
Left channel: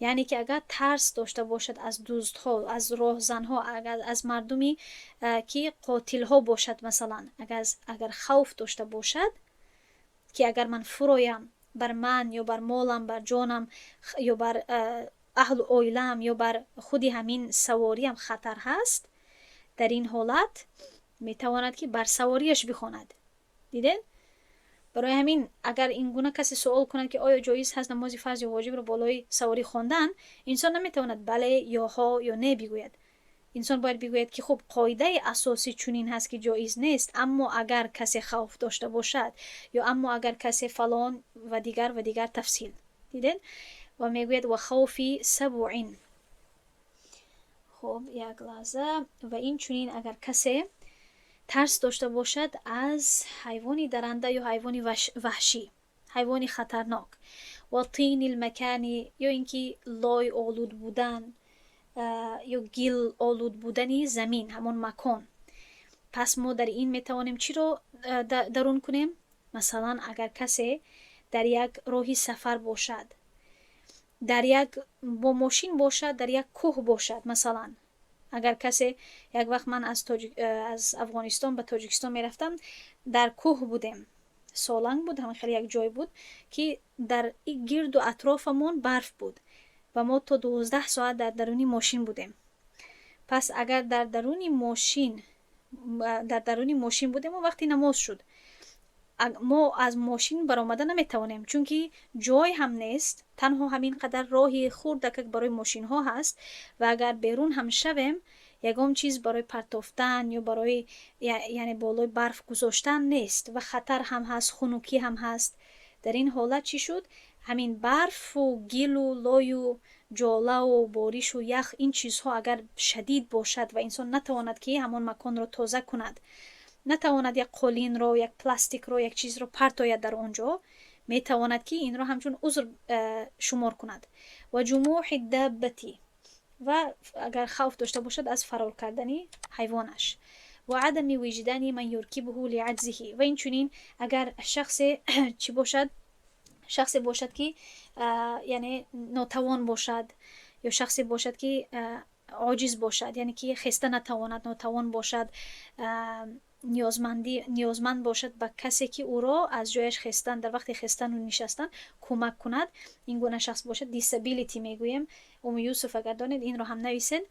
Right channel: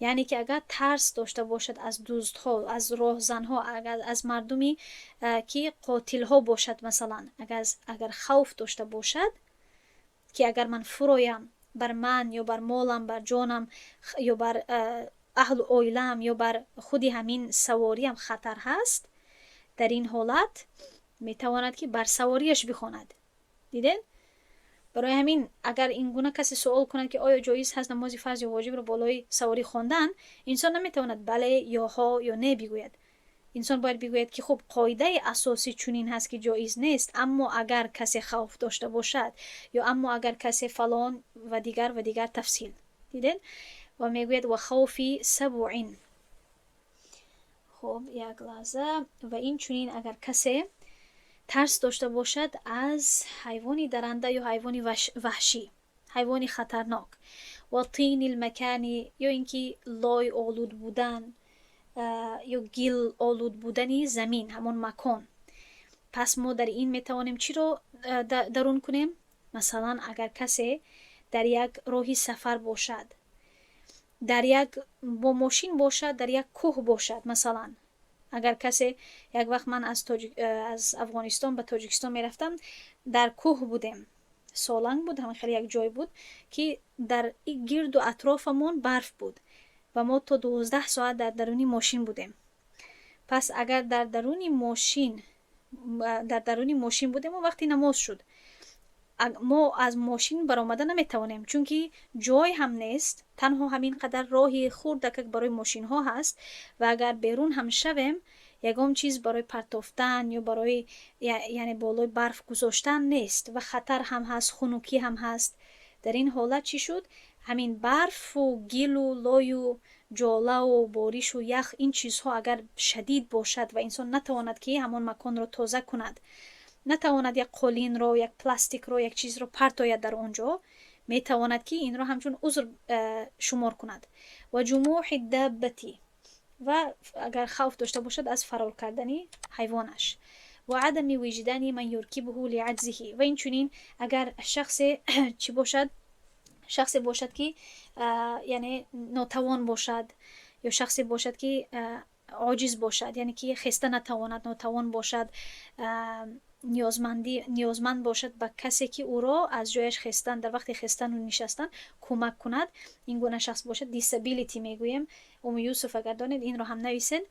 یعنی که اگر ترس داشته باشد از دزدها، از راهزنها، اگر از مردمی که قاتلها باشد، مثلا اگر خوف داشته باشد که اگر من فرویم بر من یا بر مالم، بر جانم یا بر اهل اویلم یا بر خودی همین سواریم خطر هست، در این حالت میتواند که بر سواریش بخواند. دیدین؟ برای همین اگر این گونه کسی سوال کنند که آیا جایز هست نماز فرض یا واجب رو بالای سواری خواندن، انسان نمیتواند بله یا ها یا نه بگوید. انسان باید بگوید که خب قاعده اساسی چنین هست که جایز نیست، اما اگر کسی خوف داشته باشد یا اما اگر کسی فلان و دیگر تفصیل. دیدین؟ و میگوید و خوفی سبعین. خب یک لحظه. و این چنین اگر کسی ترس داشته باشد از حیوانی درنده یا حیوانی وحشی، حیوانی خطرناک، و طین المکانی یا اینکه لای آلود بودن یا گل آلود بودنی زمین، همون مکان. پس ما در این میتوانیم چی رو درون کنیم؟ مثلا اگر کسی در یک راهی سفر باشد، در یک با ماشین باشد، در یک کوه باشد. مثلا اگر کسی یک وقت من از افغانستان به تاجیکستان میرفتم، در کوه بودیم، سالنگ بود، همین خیلی یک جای بود که در گرد و اطرافمون برف بود و ما تا 12 ساعت در درونی ماشین بودیم. پس اگر در درونی ماشین بودیم و وقتی نماز شد ما از ماشین برآمده نمیتوانیم، چون که جای هم نیست، تنها همین قدر راهی خردک برای ماشین ها هست و اگر بیرون هم شویم یگام چیز برای پرتافتن یا برای یعنی بالای برف گذاشتن نیست و خطر هم هست، خنوکی هم هست. در این حالت چی شد؟ همین برف و گل و لای و جاله و بارش و یخ، این چیزها اگر شدید باشد و انسان نتواند که همون مکان رو تازه کند، نتواند یک قولین رو، یک پلاستیک رو، یک چیز رو پرتاید در اونجا، میتواند که این رو همچون عذر شمار کند. و جموع الدابتی، و اگر خوف داشته باشد از فرار کردنی حیوانش. و عدم وجدان من یرکبه لعجزه، و این چنین اگر شخص چی باشد، شخصی باشد که یعنی ناتوان باشد یا شخصی باشد که عاجز باشد، یعنی که خسته نتواند، ناتوان باشد، نیازمند باشد به کسی که او را از جایش خستن، در وقت خستن و نشستن کمک کند. این گونه شخص باشد. دیسابیلیتی میگویم. یوسف اگر دانید این را هم نویسین.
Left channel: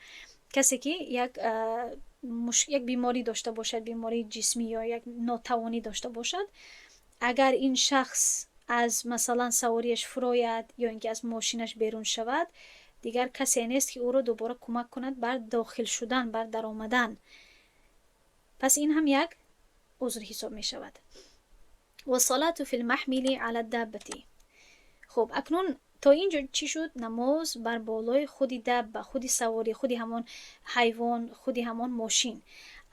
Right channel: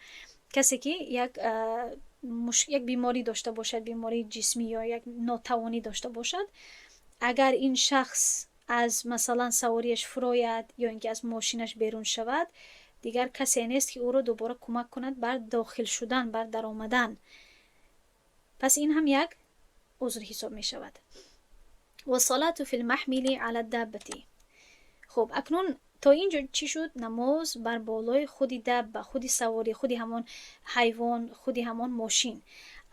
کسی که یک بیماری داشته باشد، بیماری جسمی یا یک ناتوانی داشته باشد، اگر این شخص از مثلا سواریش فراید یا اینکه از ماشینش بیرون شود، دیگر کسی نیست که او را دوباره کمک کند بر داخل شدن، بر در آمدن. پس این هم یک عذر حساب می شود. و صلات فی المحمل علی الدابه. خب اکنون تا اینجا چی شد؟ نماز بر بالای خودی دابه، خودی سواری، خودی همون حیوان، خودی همون ماشین.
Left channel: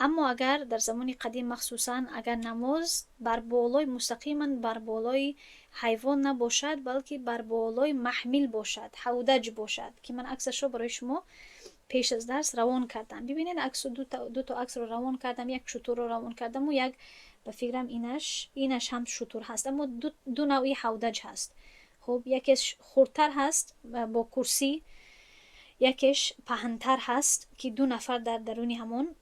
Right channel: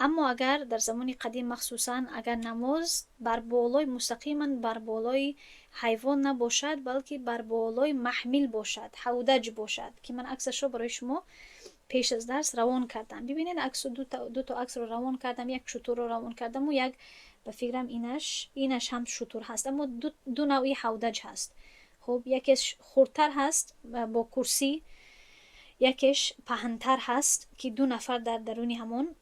اما اگر در زمان قدیم مخصوصا اگر نماز بر بالای مستقیما بر بالای حیوان نباشد، بلکه بر بالای محمل باشد، حودج باشد، که من عکسش رو برای شما پیش از درس روان کردم. ببینید عکس دو تا عکس رو روان کردم، یک شتر رو روان کردم و یک به فکرم اینش هم شتر هست، اما دو نوعی حودج هست. خب یکیش خردتر هست با کرسی، یکیش پهنتر هست که دو نفر در درونی همون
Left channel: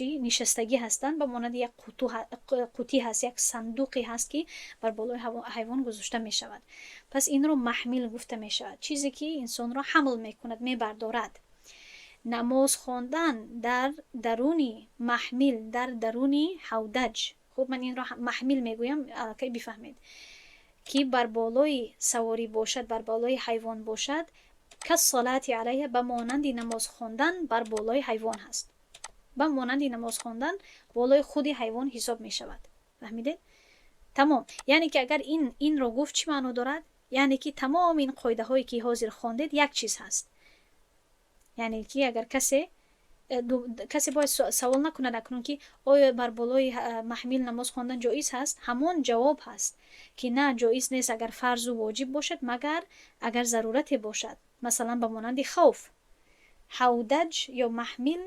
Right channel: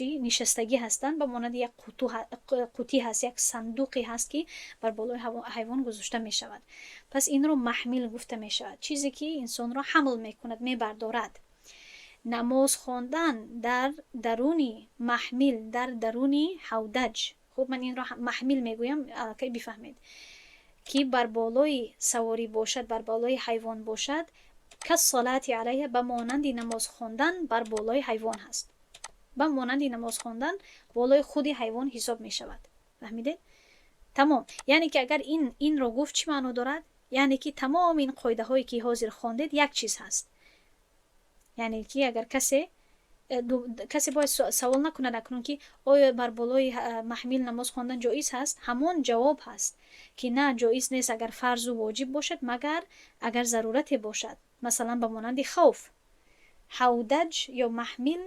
نشستگی هستند، به مانند یک قوطی هست، یک صندوقی هست که بر بالای حیوان گذاشته می شود. پس این رو محمل گفته می شود، چیزی که انسان را حمل می کند، می بردارد. نماز خواندن در درونی محمل، در درونی حودج. خب من این را محمل می گویم که بفهمید که بر بالای سواری باشد، بر بالای حیوان باشد، که صلات علیه به مانند نماز خواندن بر بالای حیوان هست، به مانند نماز خواندن بالای خودی حیوان حساب می شود. فهمیده؟ تمام. یعنی که اگر این رو گفت چی معنی دارد؟ یعنی که تمام این قاعده هایی که حاضر خواندید یک چیز هست. یعنی که اگر کسی باید سوال نکنه اکنون که آیا بر بالای محمل نماز خواندن جایز هست؟ همون جواب هست که نه، جایز نیست اگر فرض و واجب باشد، مگر اگر ضرورتی باشد. مثلا به مانند خوف، حودج یا محمل،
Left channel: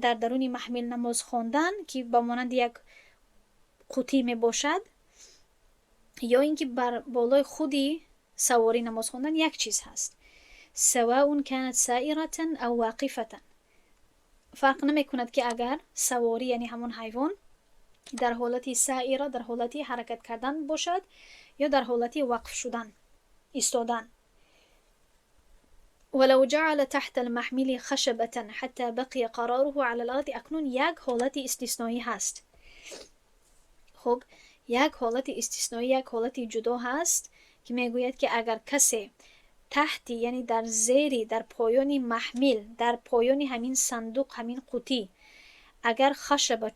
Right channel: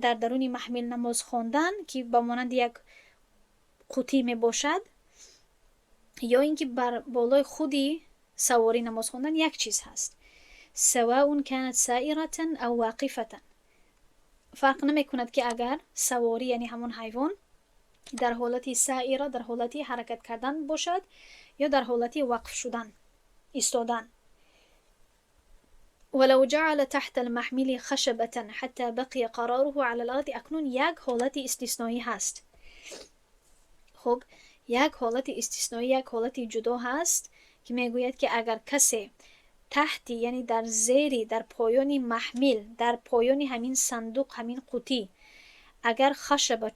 در درون محمل نماز خواندن که به مانند یک قوطی می باشد، یا اینکه بر بالای خودی سواری نماز خواندن یک چیز هست. سواء كانت سائرة او واقفة، فرق نمی کند که اگر سواری یعنی همون حیوان در حالتی سائره، در حالتی حرکت کردن باشد، یا در حالتی وقف شدن، ایستادن. ولو جعل تحت المحمل خشبة حتى بقي قراره على الارض. اکنون یک حالت استثنایی هست. خب یک حالت استثنایی، یک حالت جدا هست که میگوید که اگر کسی تحتی یعنی در زیری، در پایانی محمل، در پایانی همین صندوق، همین قوطی، اگر خشب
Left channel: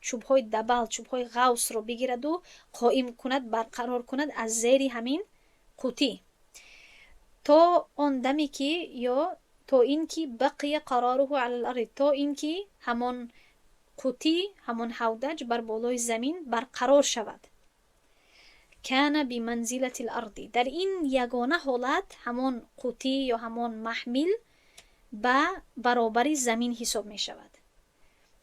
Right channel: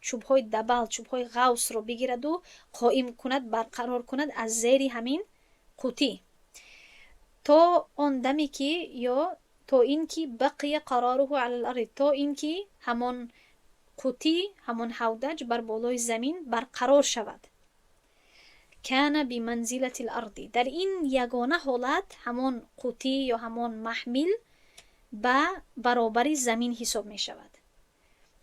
چوبهای دبل، چوبهای غوص رو بگیرد و قائم کند، برقرار کند از زیری همین قوطی، تا آن دمی که یا تا این که بقی قراره علی الارض، تا این که همون قوطی، همون حودج بر بالای زمین برقرار شود. کان بمنزله الارض، در این یگانه حالت همون قوطی یا همون محمل به برابر زمین حساب می شود.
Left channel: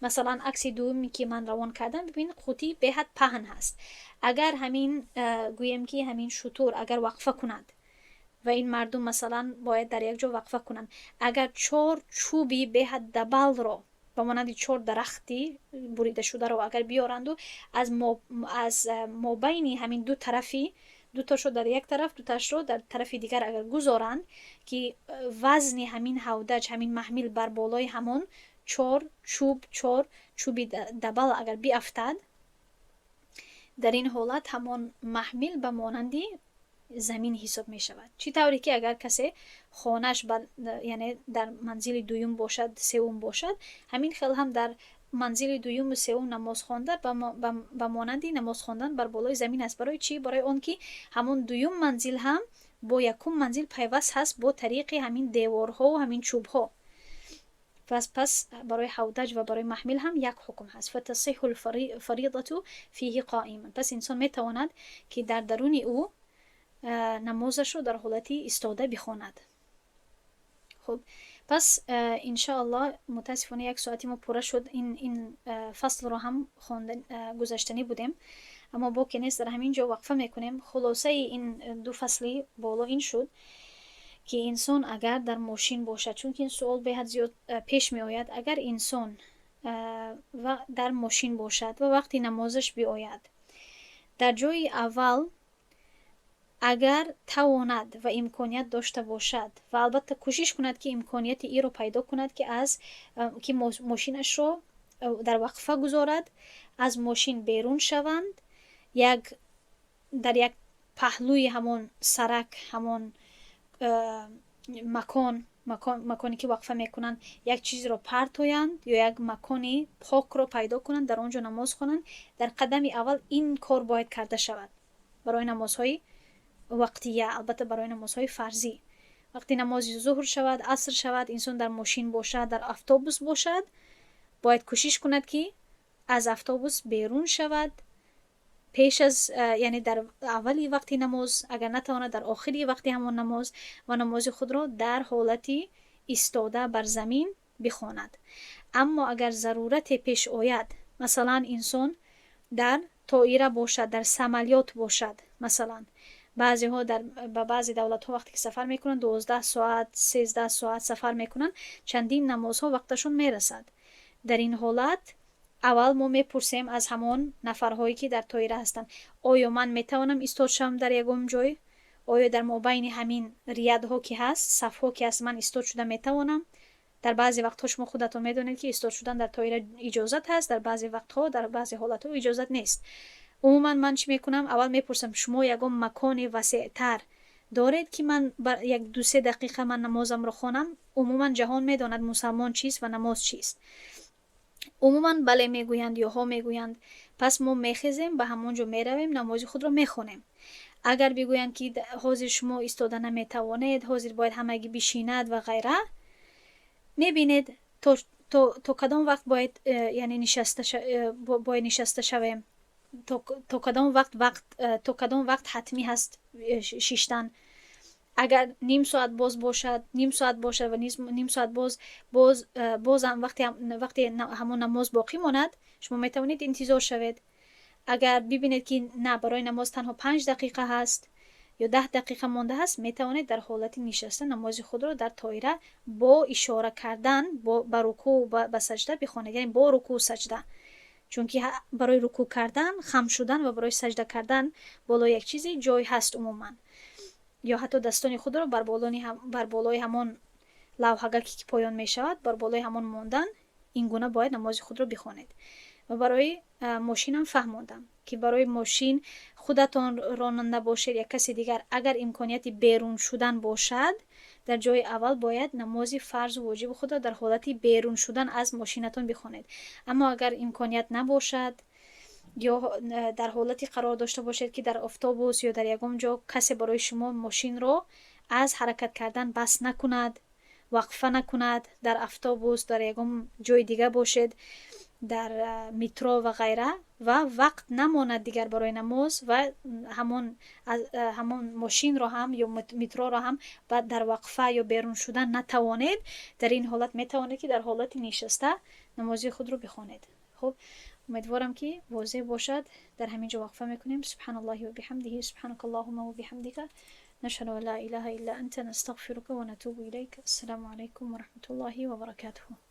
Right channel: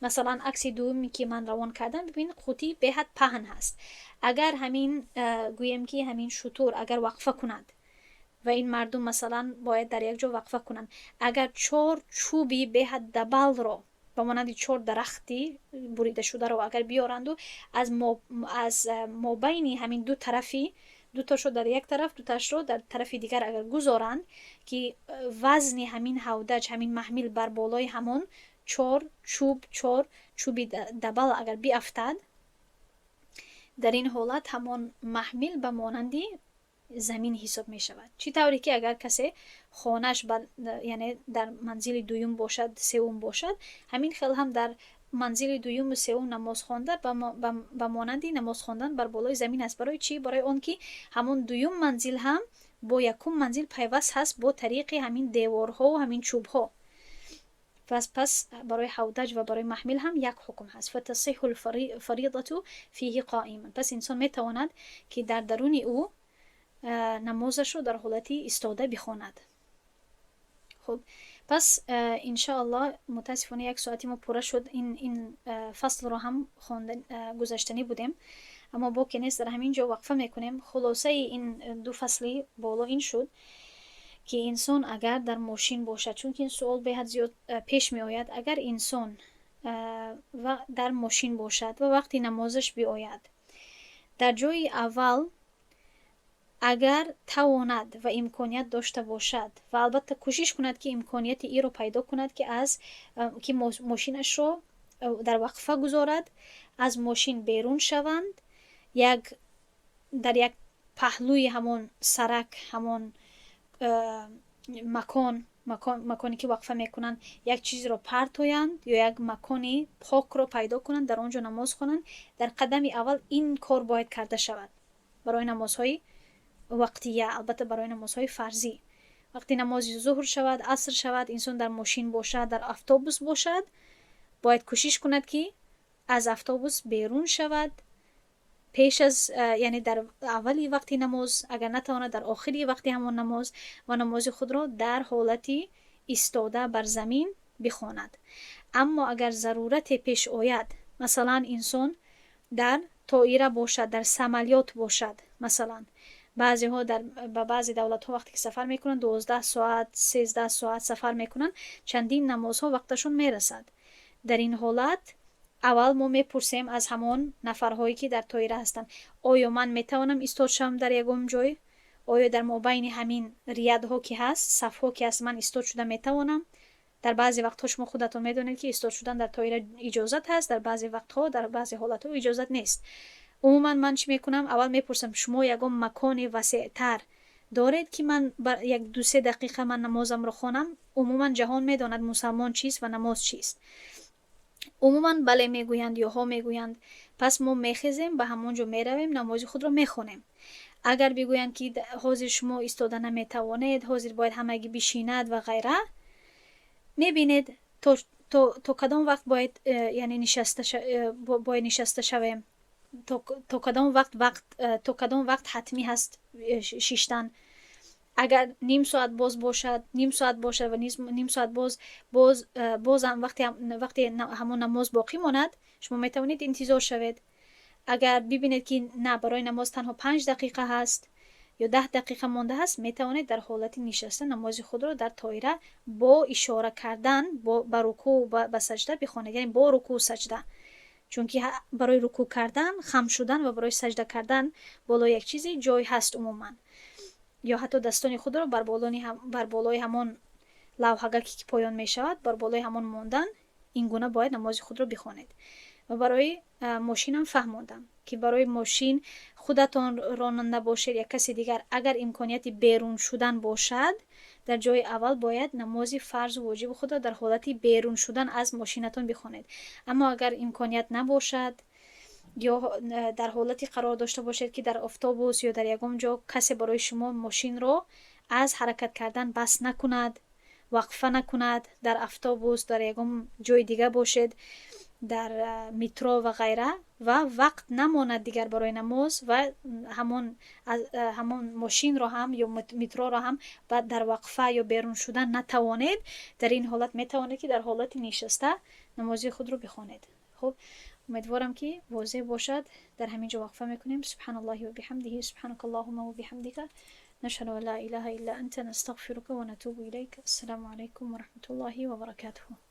مثلا عکس دومی که من روان کردم، ببین قوطی به حد پهن هست. اگر همین گویم که همین شطور اگر وقفه کند و این مردم مثلا باید در یک جا وقفه کنند، اگر 4 چوبی به حد دبل رو با مانند 4 درختی بریده شده رو اگر بیارند و از مابین همین دو طرفی، دو تاشو در یک طرف، دو تاش رو در طرف دیگر اگر گذارند که وزن همین هودج، همین محمل بر بالای همون 4 چوبی دبل اگر بیافتد، در این حالت همون محمل به مانندی زمین حساب می شود. چی طوری که اگر کسی خانش یعنی در منزل دوم باشد، سوم باشد، همین خیلی هم در منزل دوم و سوم نماز خواندن به مانندی نماز خواندن بر بالای زمین است. برای چی؟ برای اون که همون دوم منزل هم با یکم منزل پیوست هست با طریق همین دیوارها و همین چوبها. پس برای حودج و برای محمل هم یک حکم هست. فتصح الفریضة فیه قائما. پس انسان می تواند که در درون او نمازش رو در حالتی ایستاده بخواند. خب پس انشاءالله متاسفانه 1 ساعتی ما پوره شد. این فصل رو هم گذاشتنی بودیم، اما با که نیست در همین جا وقفه میکنیم. خلاصه این 2 فصلی بالا این شد که انسان اگر در ماشین باشد، چون که این سوال به حد زیاد پیش می آید، اگر انسان و در ماشین باشد و وقتی نمازش بیاید، در جای اول اگر تواند و امکانیت داشته باشد و البته کوشش کند که امکانیت ای رو پیدا کند که ماشینش رو در وقفه گذارد، از ماشین بیرون شوند، در یک پهلوی همون سرک، همون مکانی که وقفه میکنند، یک چیز رو پرتویند یا یک مکانی پاک رو پیدا کنند، در آنجا نماز خوانند. در قدم اول این کار باید کرده شود برای نمازهای وقتیه. البته برای نمازهای فرضی، وقتی نماز ظهر شود، عصر شود، انسان در ماشین باشد، در اتوبوس باشد، باید کوشش کند که از اتوبوس بیرون شود، پیش از یعنی در اولی وقتی نماز، اگر نتواند در آخری وقتی همون نماز، و نماز خود را در حالتی ایستاده بر زمین بخواند. اما اگر ضرورت پیش آید، مثلا انسان در طائره باشد، در سمالیات باشد، مثلا بعضی ها با بعضی دولت ها وقتی که سفر میکنن 12 ساعت 13 ساعت سفر میکنن، چندین نمازها وقتشون میرسد. در این حالت اول ما میپرسیم از همون نفرهایی که در طائره هستن، آیا من میتوانم ایستاد شم در یگم جای؟ آیا در مابین همین ریادها که هست، صفها که هست، من ایستاد شدن میتوانم؟ در بعضی وقتها شما خودتون میدونید که ایستاد شدن در طائره اجازت هست، در بعضی وقتها در بعضی حالتها اجازت نیست. عموما من چی میکنم؟ اول میپرسم شما یگم مکان وسیع‌تر دارید که من بر 1-2-3 دقیقه من نمازم رو خوانم؟ عموما جهان میداند مسلمان چیست و نماز چیست. عموما بله میگویند یا ها میگویند. پس ما میخیزیم به همونجا میرویم، نماز خود رو میخونیم. اگر بگویند که حاضر شما ایستاده نمیتوانید، حاضر باید همگی بشیند و غیره، میبینید تو کدام وقت باید یعنی نشسته شویم، تو کدام وقت حتمی هست شیشتن. اگر نیم ساعت باز باشد، نیم ساعت باشد و نیم ساعت باز هم وقتی همون نماز باقی ماند، شما میتونید انتظار شوید. اگر ببینید که نه، برای نماز تنها 5 دقیقه هست یا 10 دقیقه مانده هست، میتوانید در حالت نشسته نماز خود را در طائره با اشاره کردن با رکوع و با سجده بخوانید، یعنی با رکوع و سجده. چون که برای رکوع کردن خم شدن و برای سجده کردن بالا یک چیزی جای هست عموما، یا حتی دستان خود را بر بالای همون لوحه که پایان می شود، بر بالای همون ماندن، این گونه باید نماز خود را بخوانید. و برای ماشین هم فهموندم که برای ماشین خودتان راننده باشید یا کسی دیگر، اگر امکانیت بیرون شدن باشد، در جای اول باید نماز فرض و واجب خود را در حالتی بیرون شدن از ماشینتان بخوانید. اما اگر امکانیت نباشد یا در حالتی قرار داشته باشید که در اتوبوس یا در یگم جا کسی برای شما ماشین رو از حرکت کردن بس نکند، وقفه نکند، در اتوبوس در یگم جای دیگه باشید، در مترو و غیره، و وقت نماند دیگر برای نماز و همون ماشین رو هم یا مترو رو هم بعد در وقفه یا بیرون شدن نتوانید، در این حالت میتوانید که در حالت نشسته نمازی خود رو بخوانید. خب امیدوارم که واضح باشد. در همینجا وقفه میکنیم. سبحان الله و بحمده، سبحانك اللهم و بحمدك، نشهد ان لا اله الا انت، نستغفرك و نتوب الیک. السلام علیکم و رحمت الله و برکاته.